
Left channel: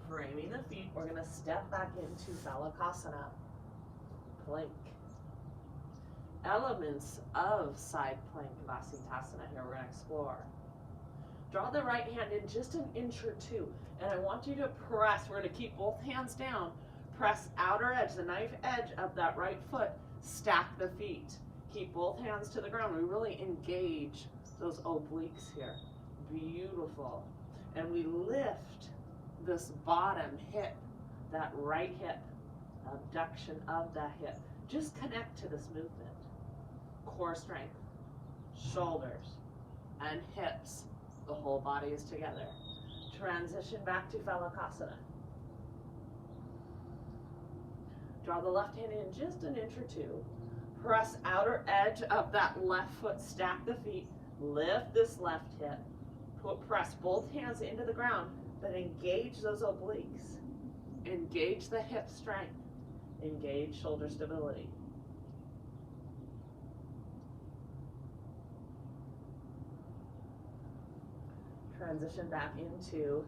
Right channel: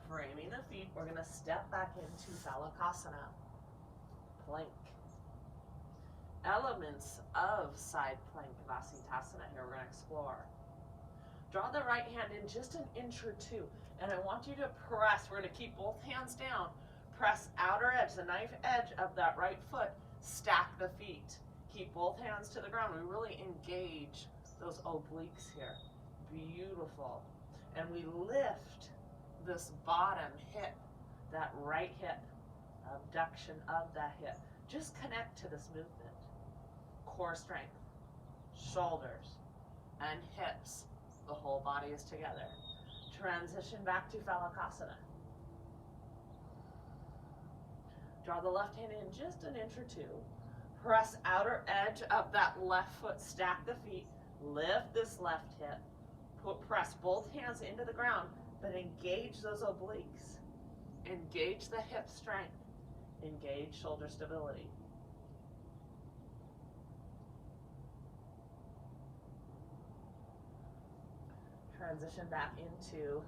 Framing the feet, we're gonna step back into Phalakasana, plank. Elements of side plank Vasisthasana here we're going to explore. Draw the right hand in just an inch or two, and I want you to press. We're going to keep both hands down. Press outer edge, the knife edge of that right foot. Stack the feet. Keep both hands to the ground. We really engage those obliques here. Beautiful. And we lift this bottom hip, that right hip, abduction of the hip. Just connect to this movement. Core strength, shoulders, and hips. The whole body is together. Transition back to Phalakasana. Draw the left hand in just an inch or two. Press outer edge of that left foot, stack the feet, lift this left hip, press both hands into the ground, but engage those obliques. Engage the hip strength. Engage shoulder stability. Transition back into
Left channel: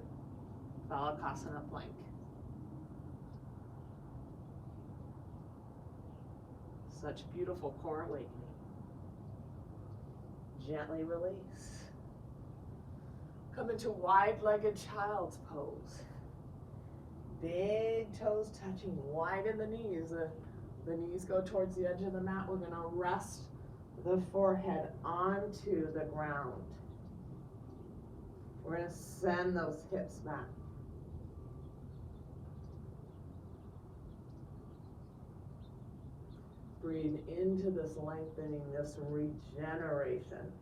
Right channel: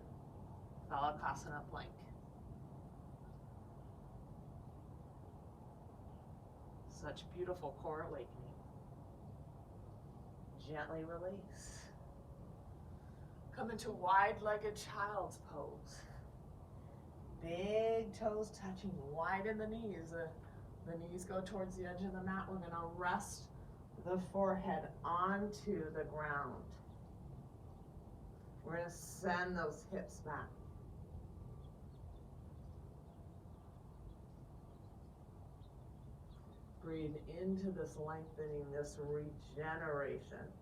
Phalakasana plank. Such beautiful core awakening. Gently release. Come into wide-legged child's pose. Big toes touching, widen the knees. The knees go towards the edge of the mat. We're going to rest the forehead onto the ground. We're going to send those hips back. Breathe into this lengthening, this regeneration.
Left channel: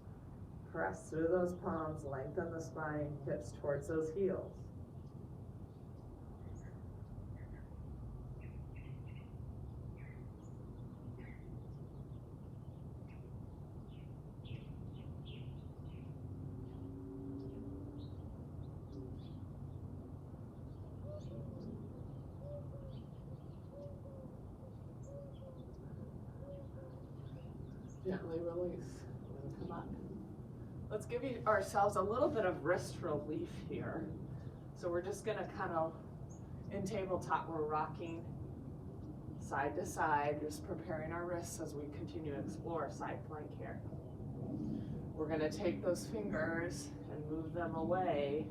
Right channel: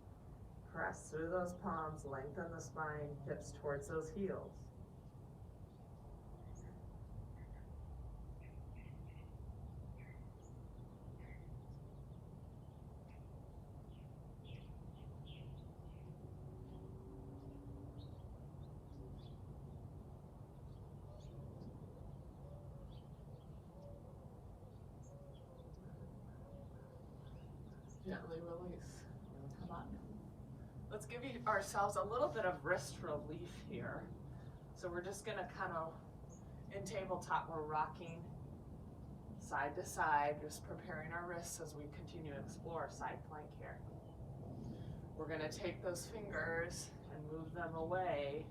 Press through those palms, lengthen the spine, hips towards those heels. Gently release. We're going to come up. Let's give ourselves a little bit of wrist relief here. So we're just going to kind of, in tabletop, we're rocking side to side, just preparing our wrists as we continue to explore side plank here. We're going to take those fingers and move them away.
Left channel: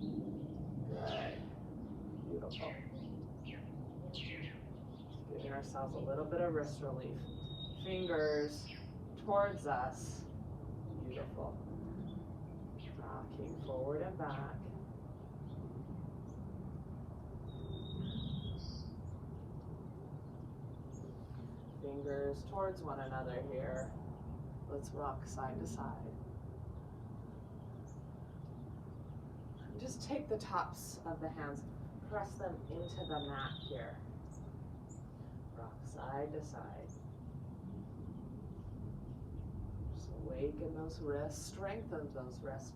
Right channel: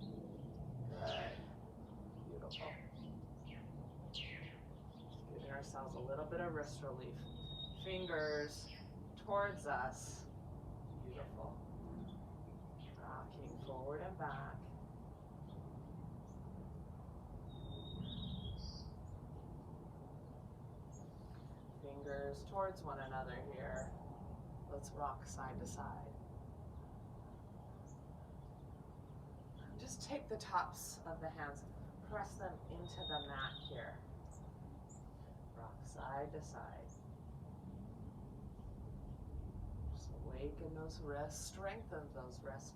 Good. Beautiful. Giving ourselves a little bit of wrist relief. Fingers towards us. Beautiful. Rocking forward and back. Fingers towards one another here. Let's rock side to side. Just take the tops of the hands, press them into the mat here. Rock side to side. Awaken those wrists, strengthen those wrists.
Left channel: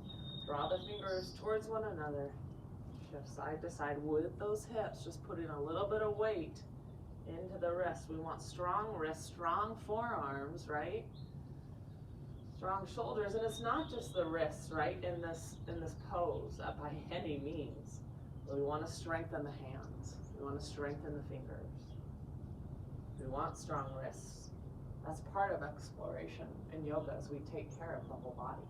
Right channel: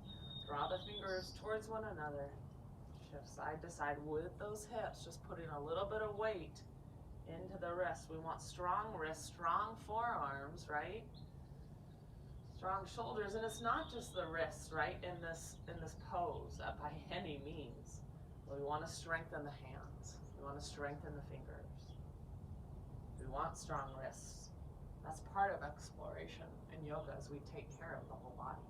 Draw the fingers towards one another. Shift side to side with those hips, just putting a little bit of weight into the wrists. We want strong wrists, strong forearms, right? Strong shoulders, and it's not just the wrists, right? In this pose, by any means. We want to strengthen the hands. We want to strengthen the fingers. We want strong wrists. That's part of exploration in yoga, as we take care of the whole body.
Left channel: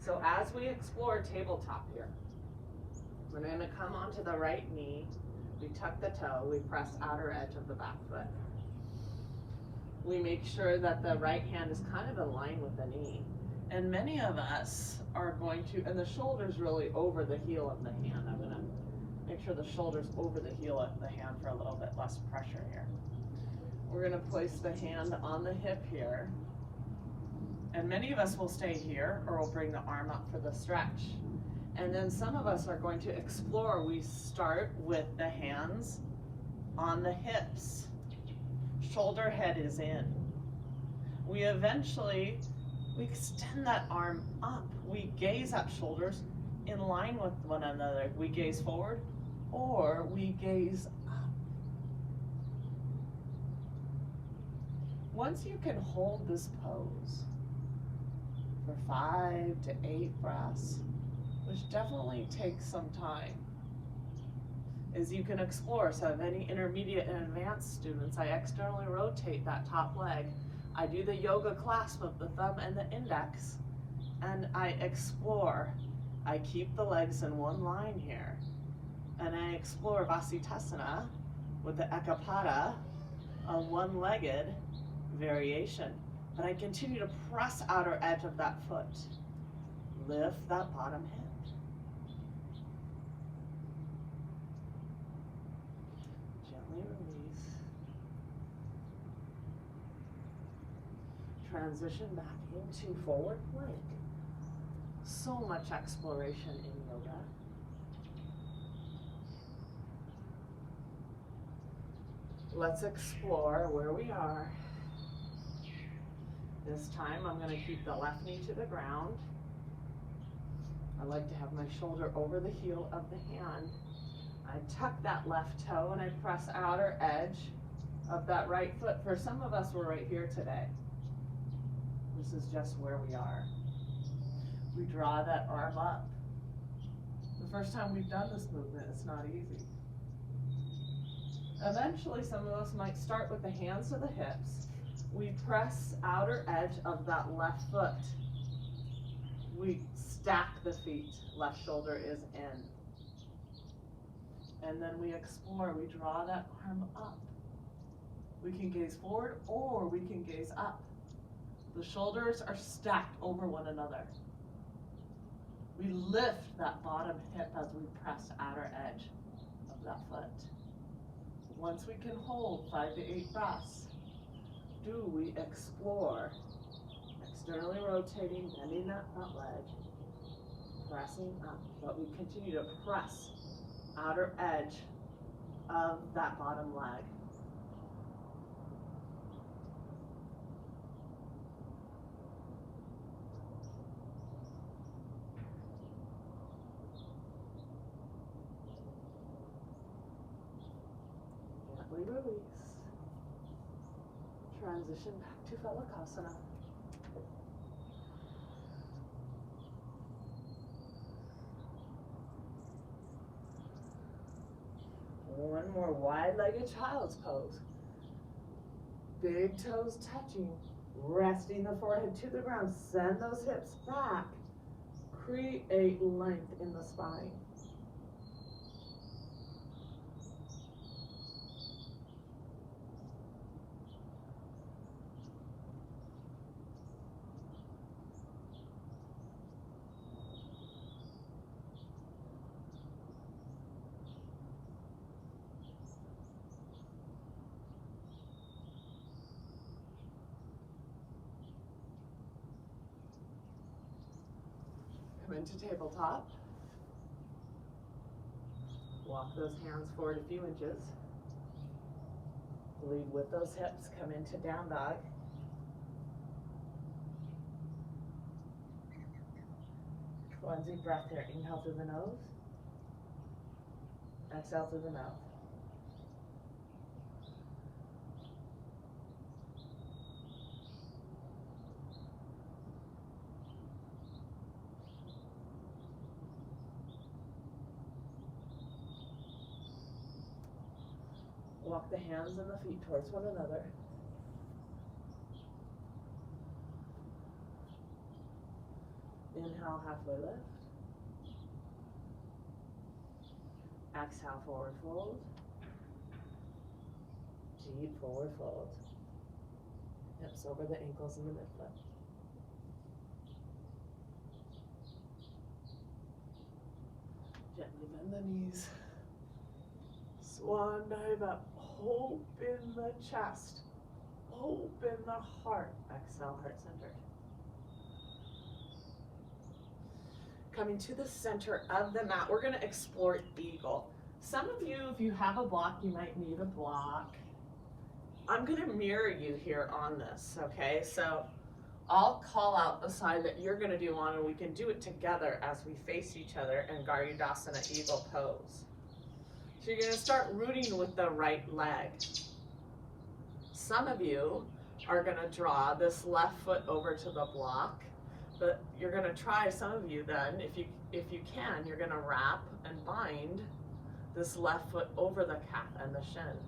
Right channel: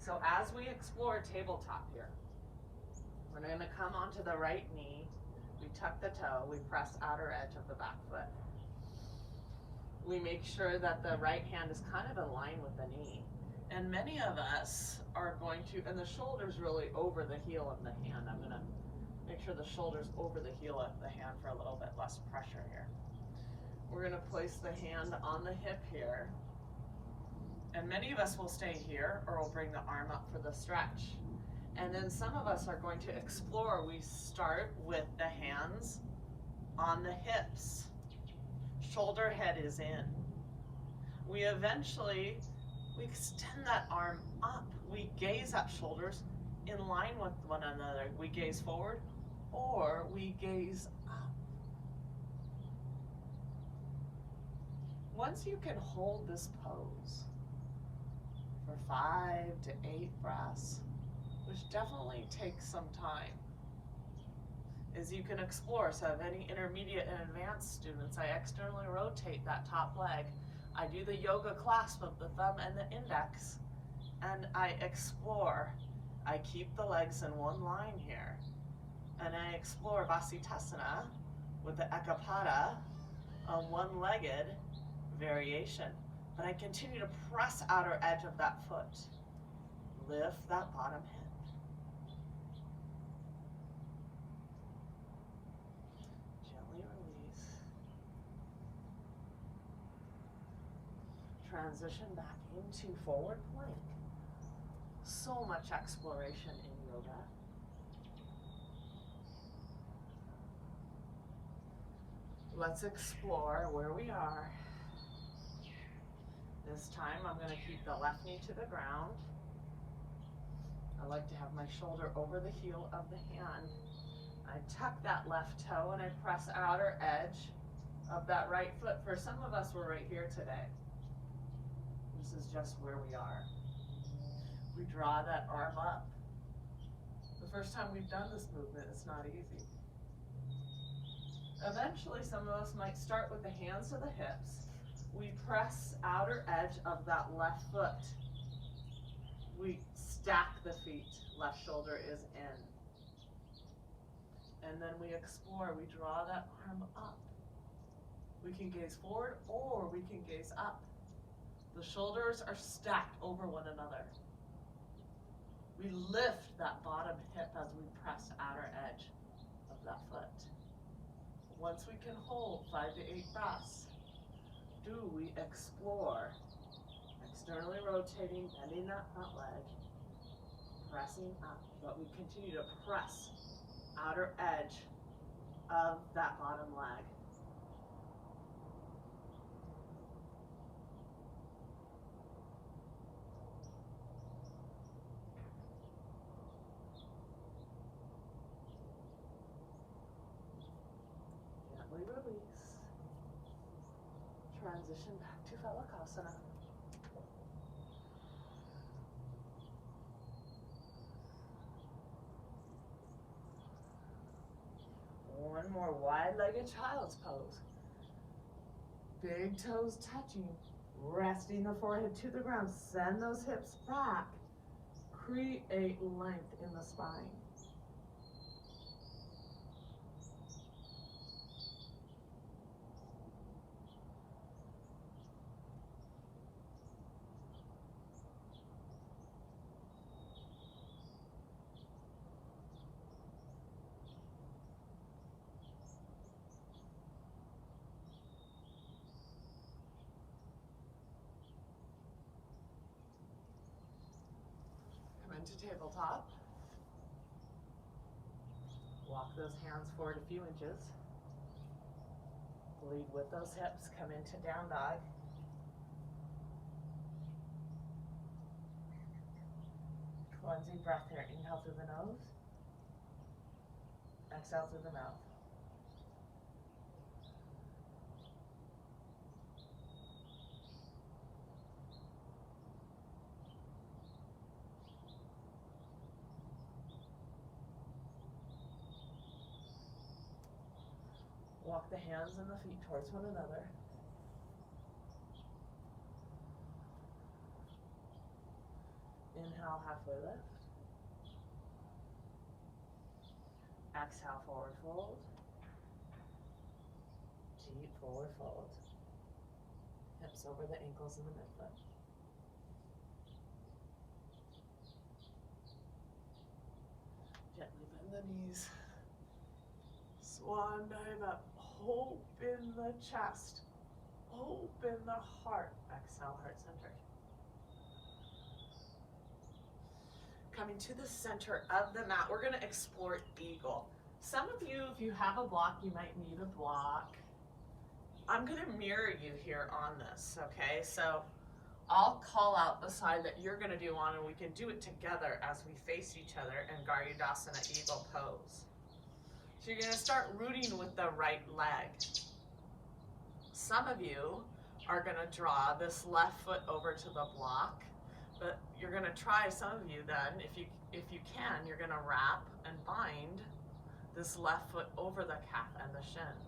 So as we explore tabletop here, we're going to come onto the right knee. We tuck the toe. We press outer edge of the back foot. We make sure that the right hand is kind of in line with the knee. And many of us are going to, and the shoulder's really over the heel of the hand. I'm going to make sure the shoulder's over the heel of the hand for a little bit less pressure here. We're going to place the hand on the hip here. And many of us will stay here, or we'll bring the arm up for the stretch. And then some of us are going to explore. We start with the hands on the hips. Shoulder head is in. We extend that arm up. We gaze at shoulders in line with one another. We gaze forward, or we gaze up. Once you can hold this pose for 5 to 8 breaths, which definitely takes some time, is you can explore. So if any intermediate and advanced students, I externally rotate that top leg. I do the yoga clasp of the thumb and the index, and I explore. I keep the legs in one line here, and I explore Vasisthasana with the Ekapada, a one-legged variation. But I continue to press outer edge of that foot. Lift that bottom hip. Gently release. Transition back into forward plank. So much exploration in yoga. Let's explore where we are. This time I'm going to keep the left knee to the ground. I like to have my shoulder over the heel of the hand. I tuck that left toe and I press outer edge of that right foot. For some of us, we're right here today. This is just where we are. We draw that arm up. The first time we've done this movement, it's not easy. Eventually, some of us might start with the hands to the hips. We press outer edge of that left foot. We stack the feet. Left shoulder is in. And then we explore. We draw that arm up. We can gaze forward or we can gaze up. The shoulders are stacked over one another. We lift that bottom hip as we press outer edge of that foot. Once we can hold 5 to 8 breaths, we explore, externally rotating, bending that front leg, pressing up, but we continue to press outer edge of that bottom leg. Gently release. Transition back to Phalakasana. One more wide-legged child's pose. Big toes touching, resting the forehead to the ground. Send those hips back. Create length in the spine. Come into tabletop. Walk those hands forward a few inches. Lead with those hips. Come into down dog. One deep breath here. Inhale through the nose. Exhale through the mouth. Walk the hands and the feet towards one another. Inhale, halfway lift. Exhale, forward fold. Deep forward fold. Hips over the ankles and the midfoot. Gently bend the knees. Swan dive up. Open the chest. Open the heart. Exhale, heart centered. Coming to the center of the mat, we're going to explore eagle. Some of you, if you have a block, you might need a block. I'm going to mirror you here on this, okay? So I'll call out the side that you're going to do on, and we can do it together as we face each other in Garudasana Eagle pose. So you're going to start rooting with the right leg. Some of you are going to draw this left foot over to the block, but you're going to try, some of you then, if you can, you're going to wrap and bind this left foot over the calf and the shin.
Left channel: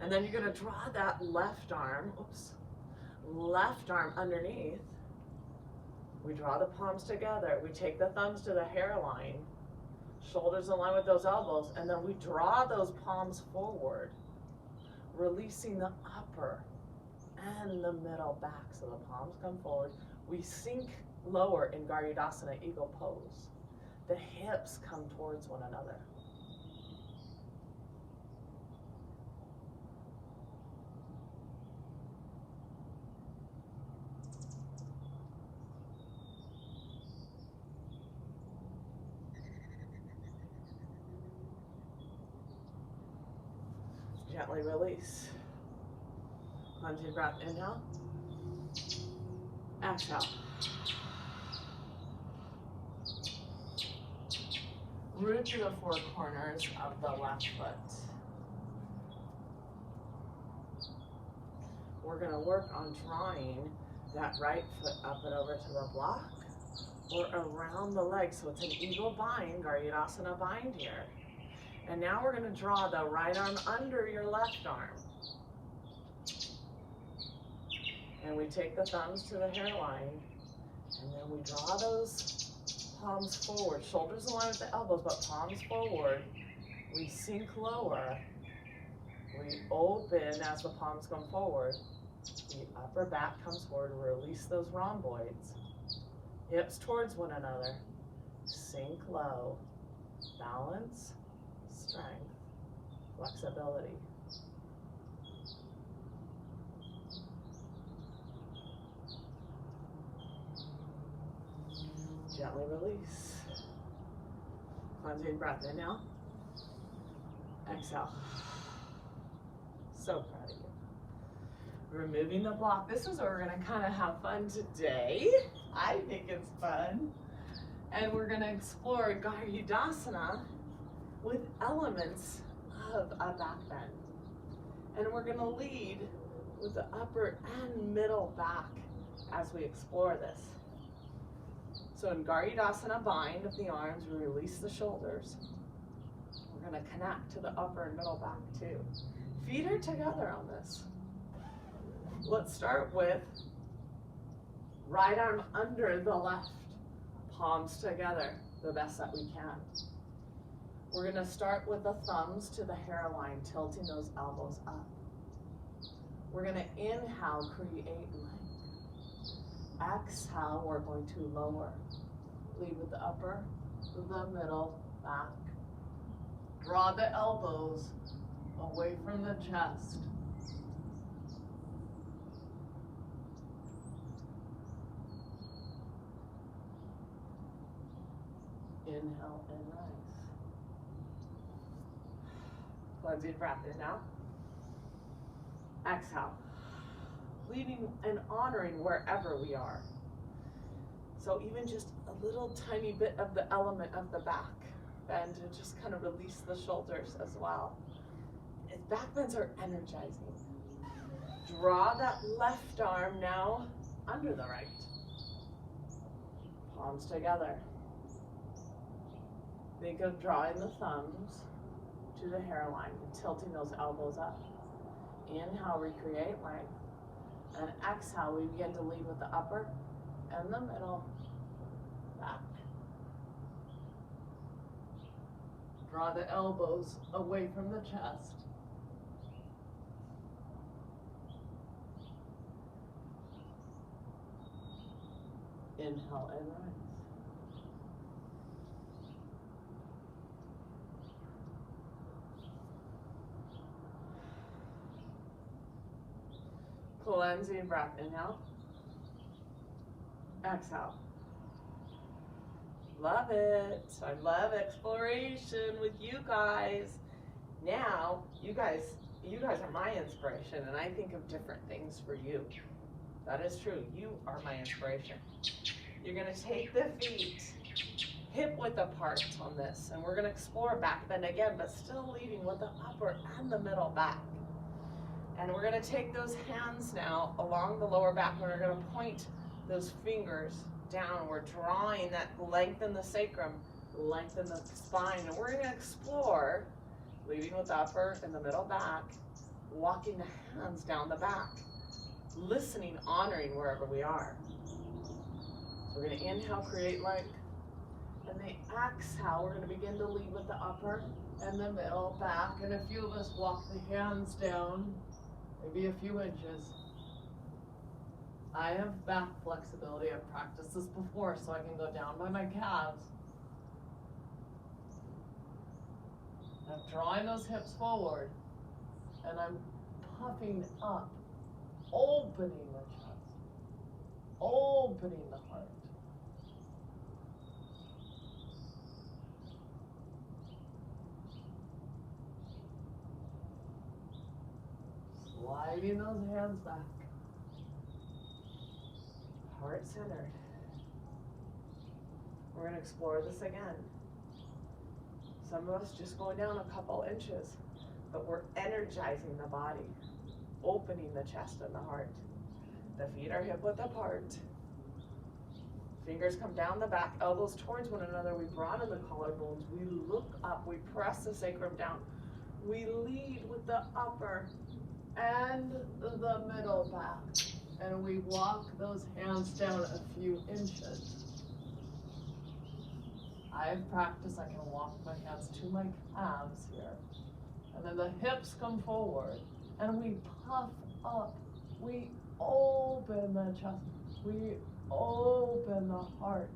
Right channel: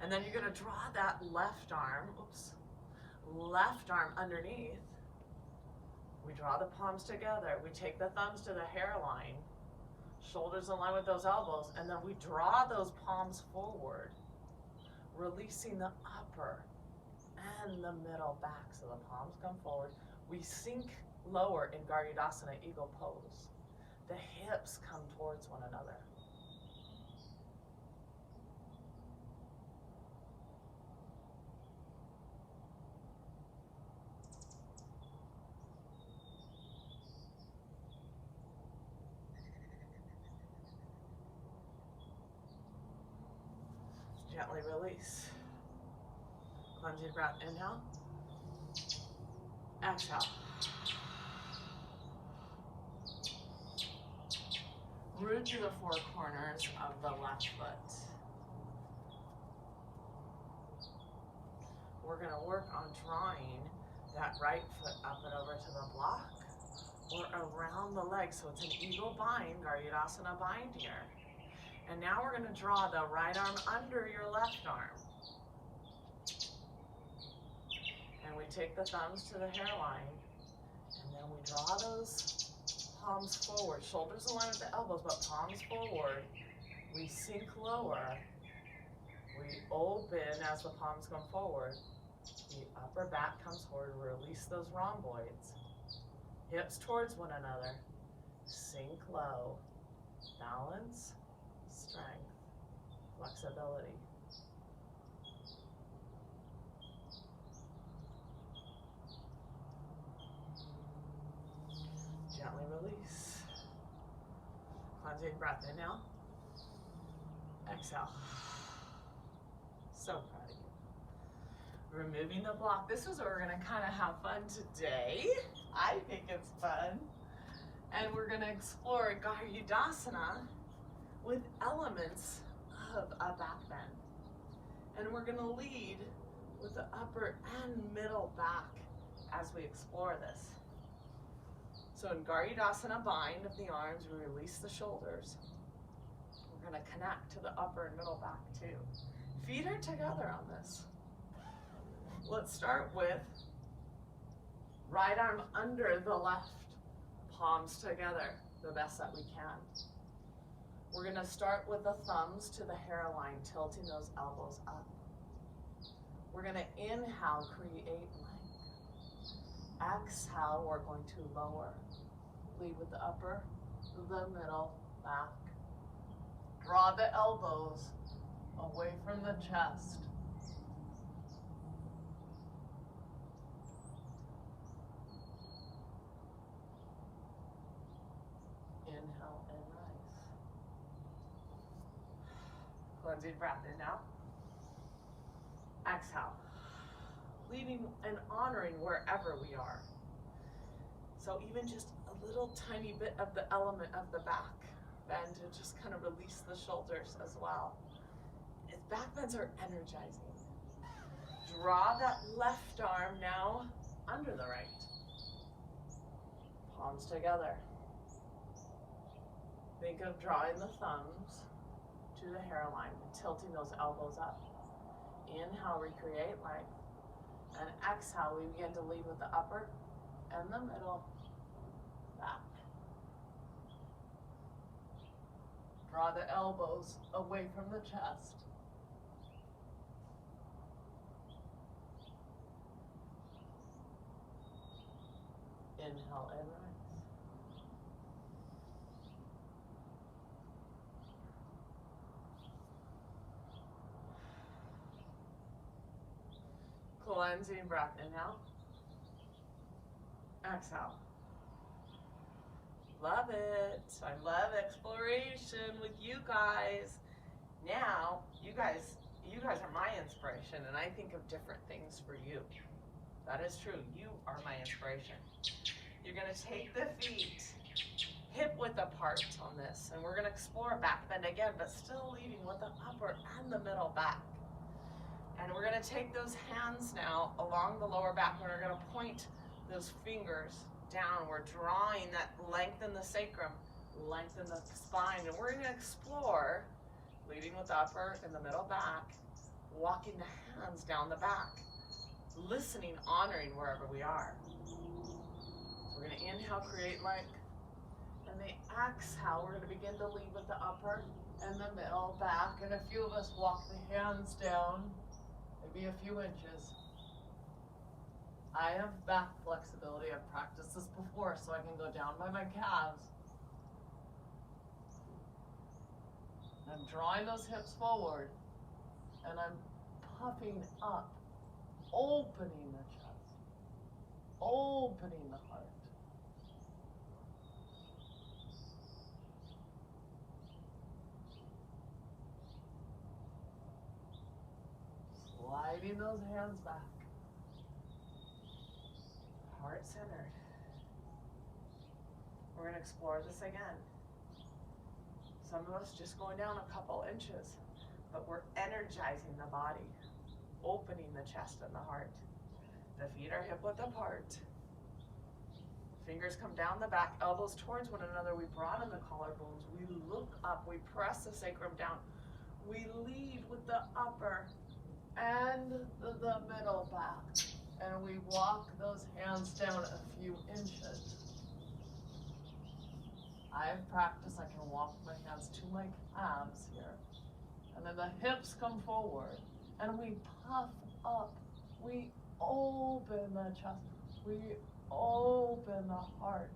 And then you're going to draw that left arm underneath. We draw the palms together. We take the thumbs to the hairline. Shoulders in line with those elbows, and then we draw those palms forward, releasing the upper and the middle back. So the palms come forward. We sink lower in Garudasana Eagle pose. The hips come towards one another. Gently release. Cleansing breath, inhale. Exhale. Root through the four corners of the left foot. We're going to work on drawing that right foot up and over to the block or around the leg. So it's an eagle bind, Garudasana bind here. And now we're going to draw the right arm under your left arm. And we take the thumbs to the hairline, and then we draw those palms forward. Shoulders align with the elbows, but palms forward. We sink lower. We open as the palms come forward. The upper back comes forward. Release those rhomboids. Hips towards one another. Sink low. Balance, strength, flexibility. Gently release. Cleansing breath, inhale. Exhale. So proud of you. Removing the block. This is where we're going to kind of have fun today. I think it's fun. And we're going to explore Garudasana with elements of a back bend. And we're going to lead with the upper and middle back as we explore this. So in Garudasana bind of the arms, we release the shoulders. We're going to connect to the upper and middle back too. Feet are together on this. Let's start with right arm under the left, palms together the best that we can. We're going to start with the thumbs to the hairline, tilting those elbows up. We're going to inhale, create length. Exhale, we're going to lower. Lead with the upper, the middle, back. Draw the elbows away from the chest. Inhale and rise. Cleansing breath, inhale. Exhale. Leading and honoring wherever we are. So even just a little tiny bit of the element of the back bend to just kind of release the shoulders as well. Back bends are energizing. Draw that left arm now under the right. Palms together. Think of drawing the thumbs to the hairline and tilting those elbows up. Inhale, recreate length. And exhale, we begin to lead with the upper and the middle, back. Draw the elbows away from the chest. Inhale and rise. Cleansing breath, inhale. Exhale. Love it. I love exploration with you guys. Now, you guys are my inspiration, and I think of different things for you. That is true. You are my inspiration. You're going to take the feet hip width apart on this, and we're going to explore back bend again, but still leading with the upper and the middle back. And we're going to take those hands now along the lower back, and we're going to point those fingers down. We're drawing that lengthen the sacrum, lengthen the spine, and we're going to explore leading with the upper and the middle back, walking the hands down the back, listening, honoring wherever we are. So we're going to inhale, create length, and the exhale, we're going to begin to lead with the upper and the middle back, and a few of us walk the hands down, maybe a few inches. I have back flexibility. I've practiced this before, so I can go down by my calves. I'm drawing those hips forward, and I'm puffing up, opening the chest, opening the heart. Sliding those hands back. Heart centered. We're going to explore this again. Some of us just going down a couple inches, but we're energizing the body, opening the chest and the heart. The feet are hip width apart. Fingers come down the back, elbows towards one another. We broaden the collarbones. We look up. We press the sacrum down. We lead with the upper and the middle back. And we walk those hands down a few inches. I've practiced, I can walk my hands to my calves here. And then the hips come forward. And we puff up. We open the chest. We open the heart.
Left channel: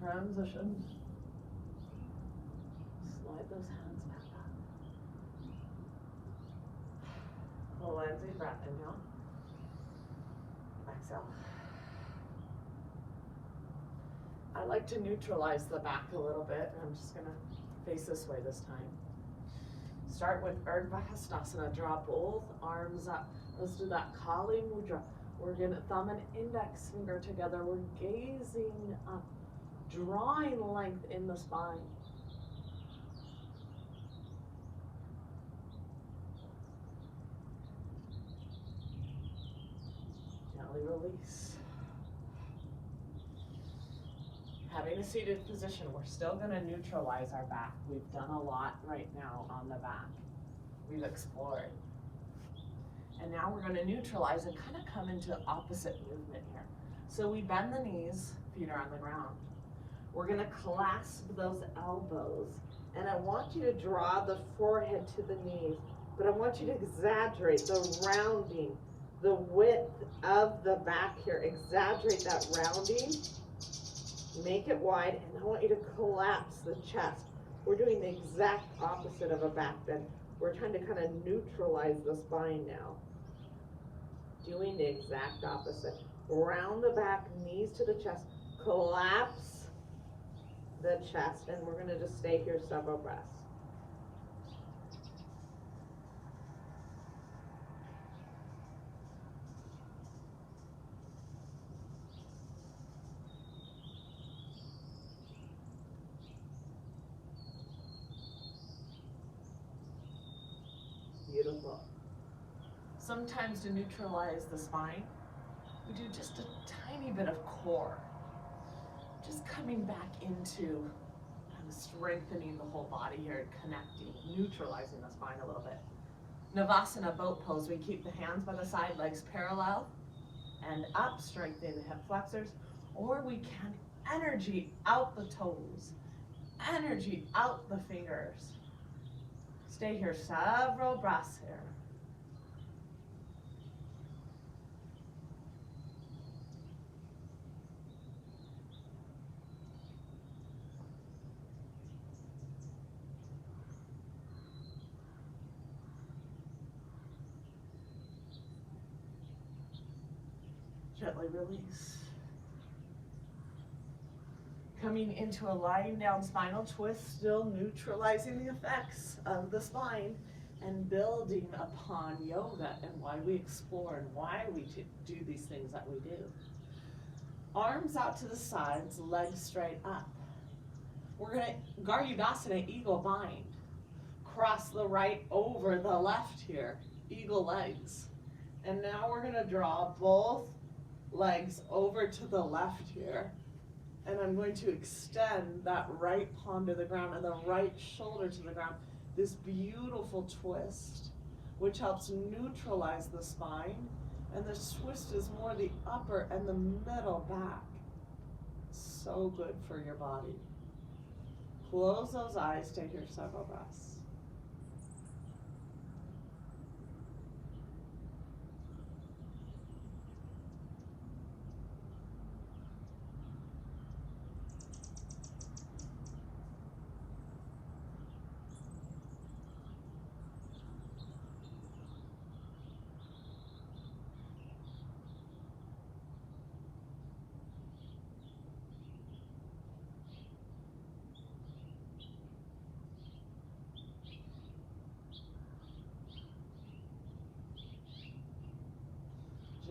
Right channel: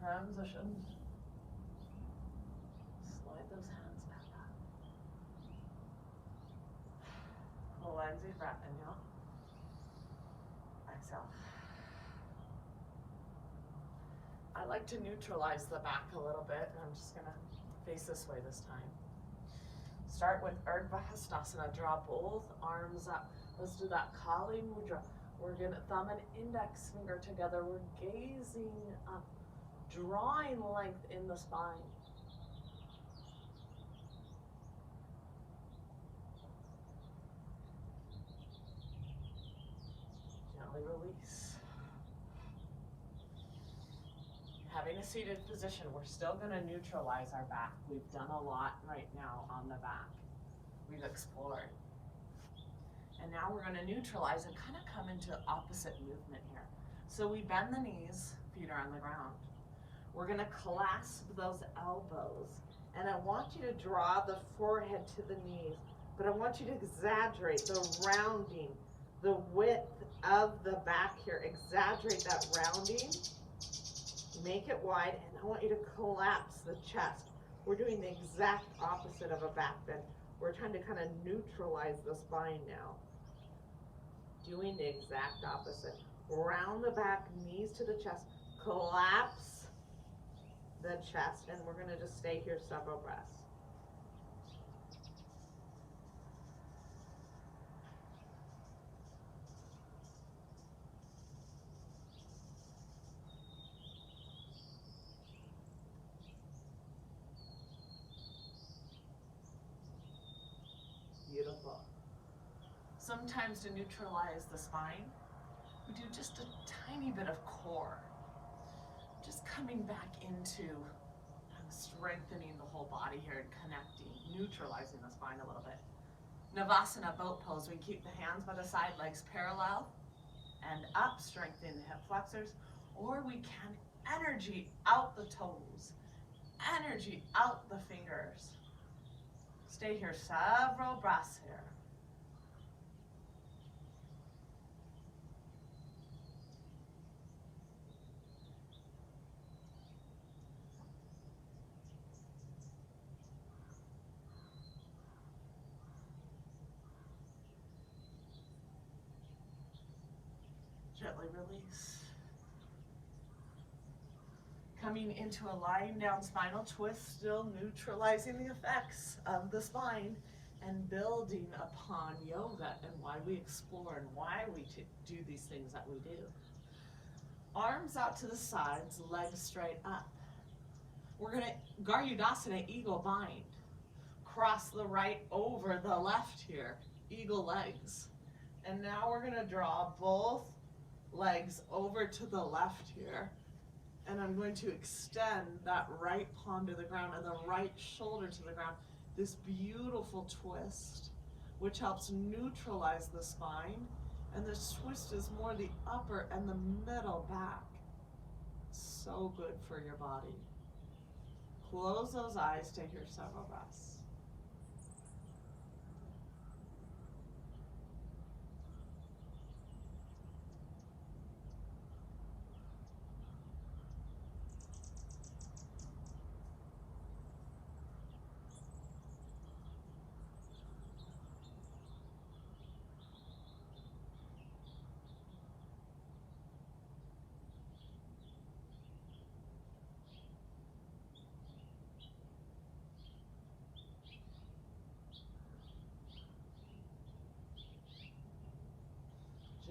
Transition. Slide those hands back up. Cleansing breath, inhale. Exhale. I like to neutralize the back a little bit. I'm just gonna face this way this time. Start with Urdhva Hastasana. Draw both arms up. Let's do that Kali Mudra. We're gonna thumb and index finger together. We're gazing up, drawing length in the spine. Gently release. Having a seated position, we're still going to neutralize our back. We've done a lot right now on the back. We've explored. And now we're going to neutralize and kind of come into opposite movement here. So we bend the knees, feet are on the ground. We're going to clasp those elbows. And I want you to draw the forehead to the knees, but I want you to exaggerate the rounding, the width of the back here. Exaggerate that rounding. Make it wide, and I want you to collapse the chest. We're doing the exact opposite of a back bend. We're trying to kind of neutralize the spine now. Doing the exact opposite. Round the back, knees to the chest, collapse the chest, and we're going to just stay here several breaths. Beautiful. Sometimes to neutralize the spine, we do just a tiny bit of core. Just coming back into kind of strengthening the whole body here, connecting, neutralizing the spine a little bit. Navasana, boat pose. We keep the hands by the side, legs parallel and up, strengthening the hip flexors. Or we can energy out the toes, energy out the fingers. Stay here several breaths here. Gently release. Coming into a lying down spinal twist, still neutralizing the effects of the spine and building upon yoga and why we explore and why we do these things that we do. Arms out to the sides, legs straight up. We're going to Garudasana, eagle bind. Cross the right over the left here, eagle legs. And now we're going to draw both legs over to the left here. And I'm going to extend that right palm to the ground and the right shoulder to the ground. This beautiful twist, which helps neutralize the spine. And the twist is more the upper and the middle back. So good for your body. Close those eyes, stay here several breaths.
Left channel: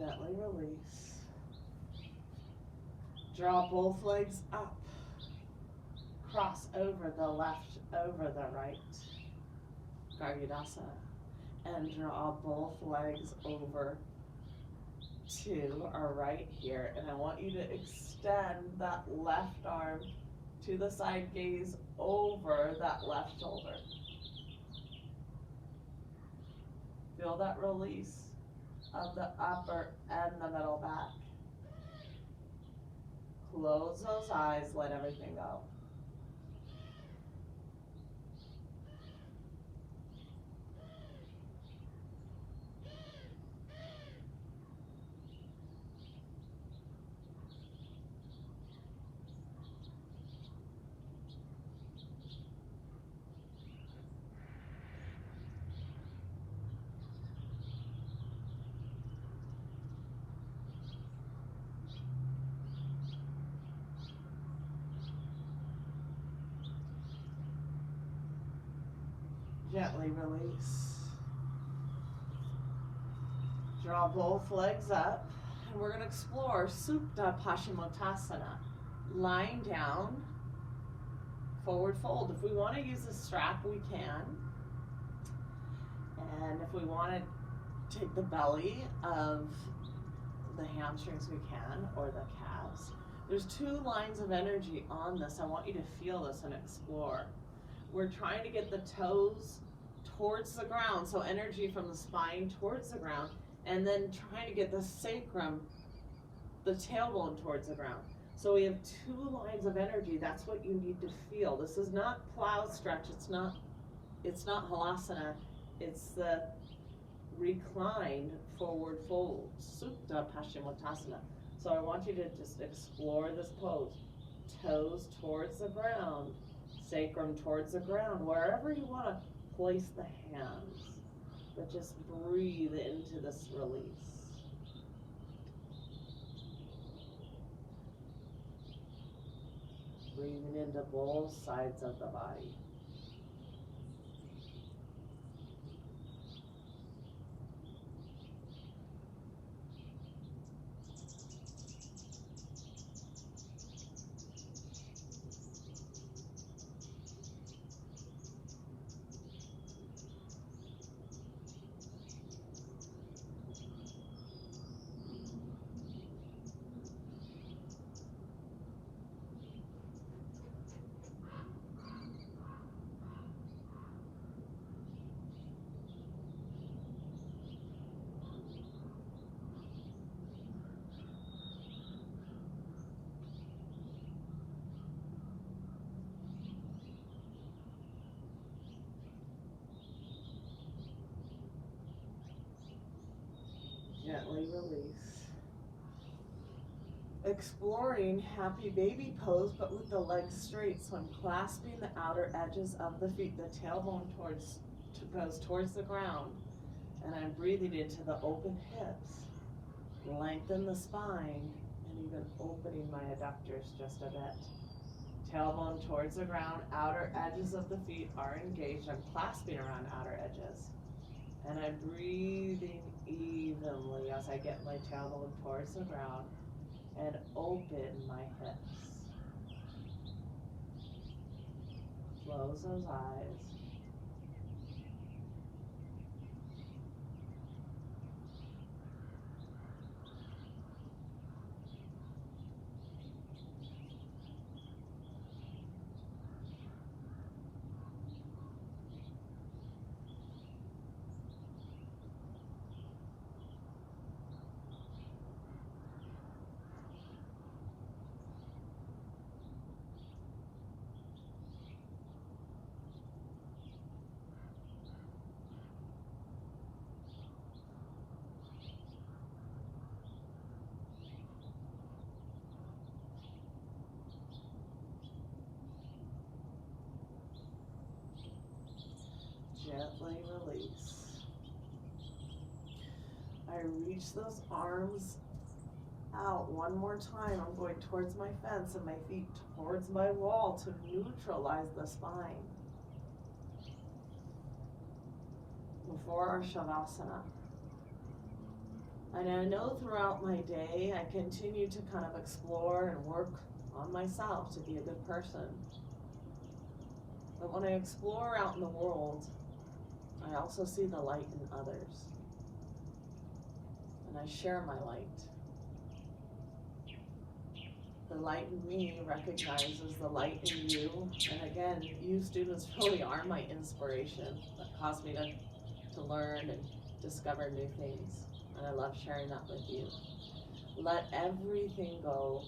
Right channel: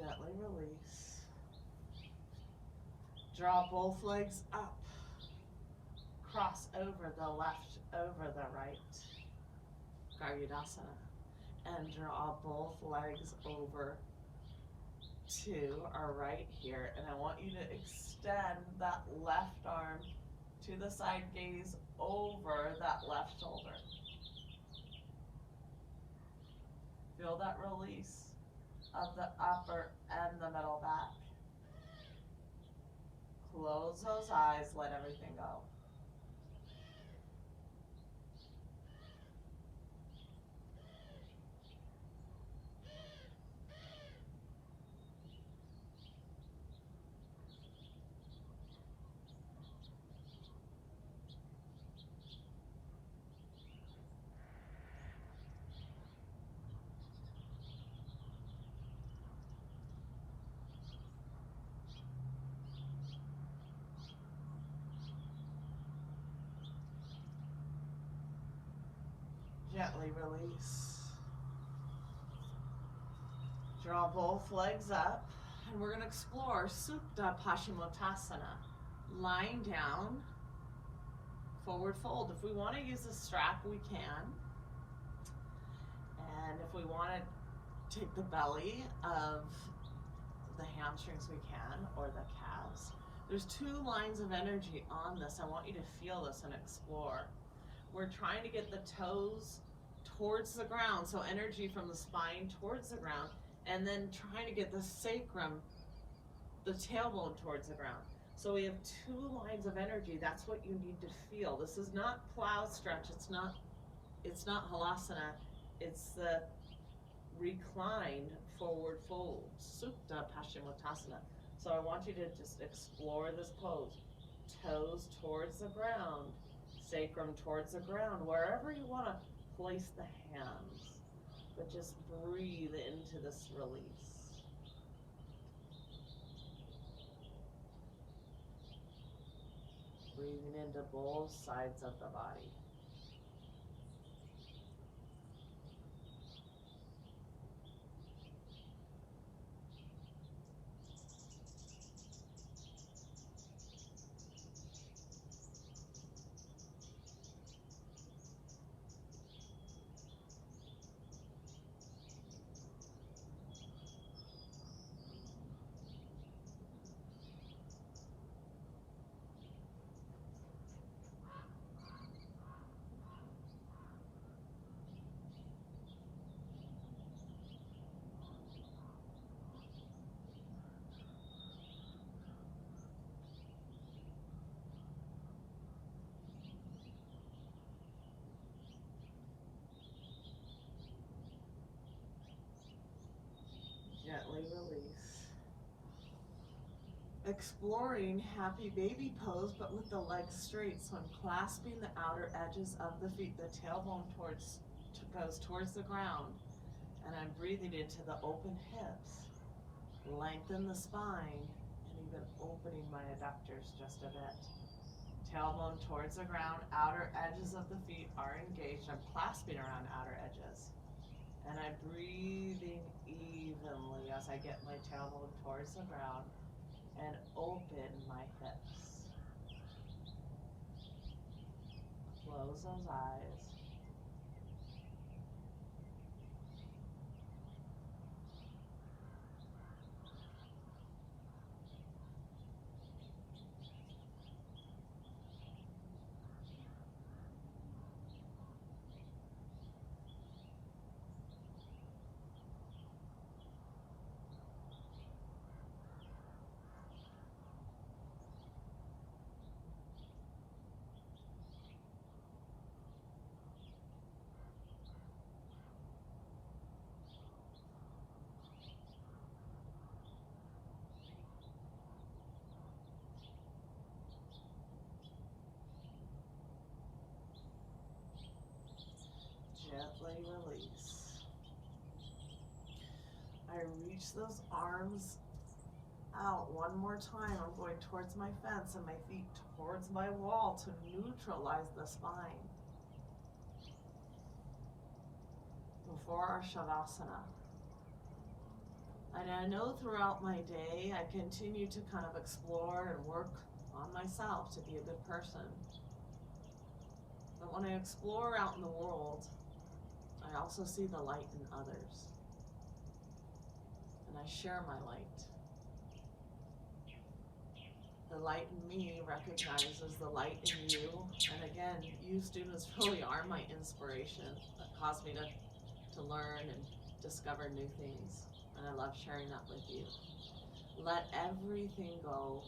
Gently release. Draw both legs up. Cross over the left, over the right. Garudasana. And draw both legs over to our right here. And I want you to extend that left arm to the side gaze over that left shoulder. Feel that release of the upper and the middle back. Close those eyes, let everything go. Gently release. Draw both legs up, and we're going to explore Supta Paschimottanasana. Lying down, forward fold. If we want to use a strap, we can. And if we want to take the belly of the hamstrings, we can, or the calves. There's two lines of energy on this. I want you to feel this and explore. We're trying to get the toes towards the ground, so energy from the spine towards the ground, and then trying to get the sacrum, the tailbone towards the ground. So we have two lines of energy. That's what you need to feel. This is not plow stretch. It's not halasana. It's the reclined forward fold, Supta Paschimottanasana. So I want you to just explore this pose. Toes towards the ground, sacrum towards the ground, wherever you want to place the hands. But just breathe into this release. Breathing into both sides of the body. Gently release. Exploring happy baby pose, but with the legs straight. So I'm clasping the outer edges of the feet. The tailbone goes towards the ground. And I'm breathing into the open hips. Lengthen the spine, and even opening my adductors just a bit. Tailbone towards the ground. Outer edges of the feet are engaged. I'm clasping around outer edges. And I'm breathing evenly as I get my tailbone towards the ground and open my hips. Close those eyes. Gently release. I reach those arms out one more time. I'm going towards my fence and my feet towards my wall to neutralize the spine. Before our Shavasana. And I know throughout my day, I continue to kind of explore and work on myself to be a good person. But when I explore out in the world, I also see the light in others. And I share my light. The light in me recognizes the light in you. And again, you students really are my inspiration that caused me to learn and discover new things. And I love sharing that with you. Let everything go.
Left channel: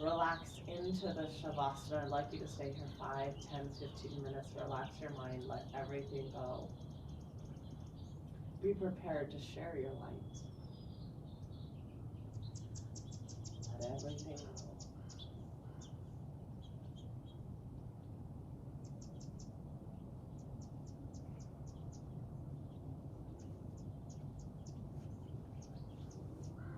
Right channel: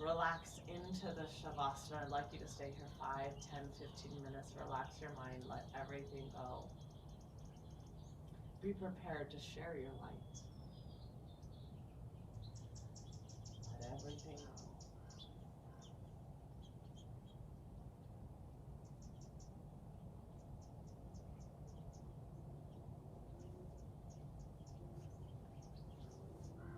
Relax into the Shavasana. I'd like you to stay here 5, 10, 15 minutes. Relax your mind. Let everything go. Be prepared to share your light.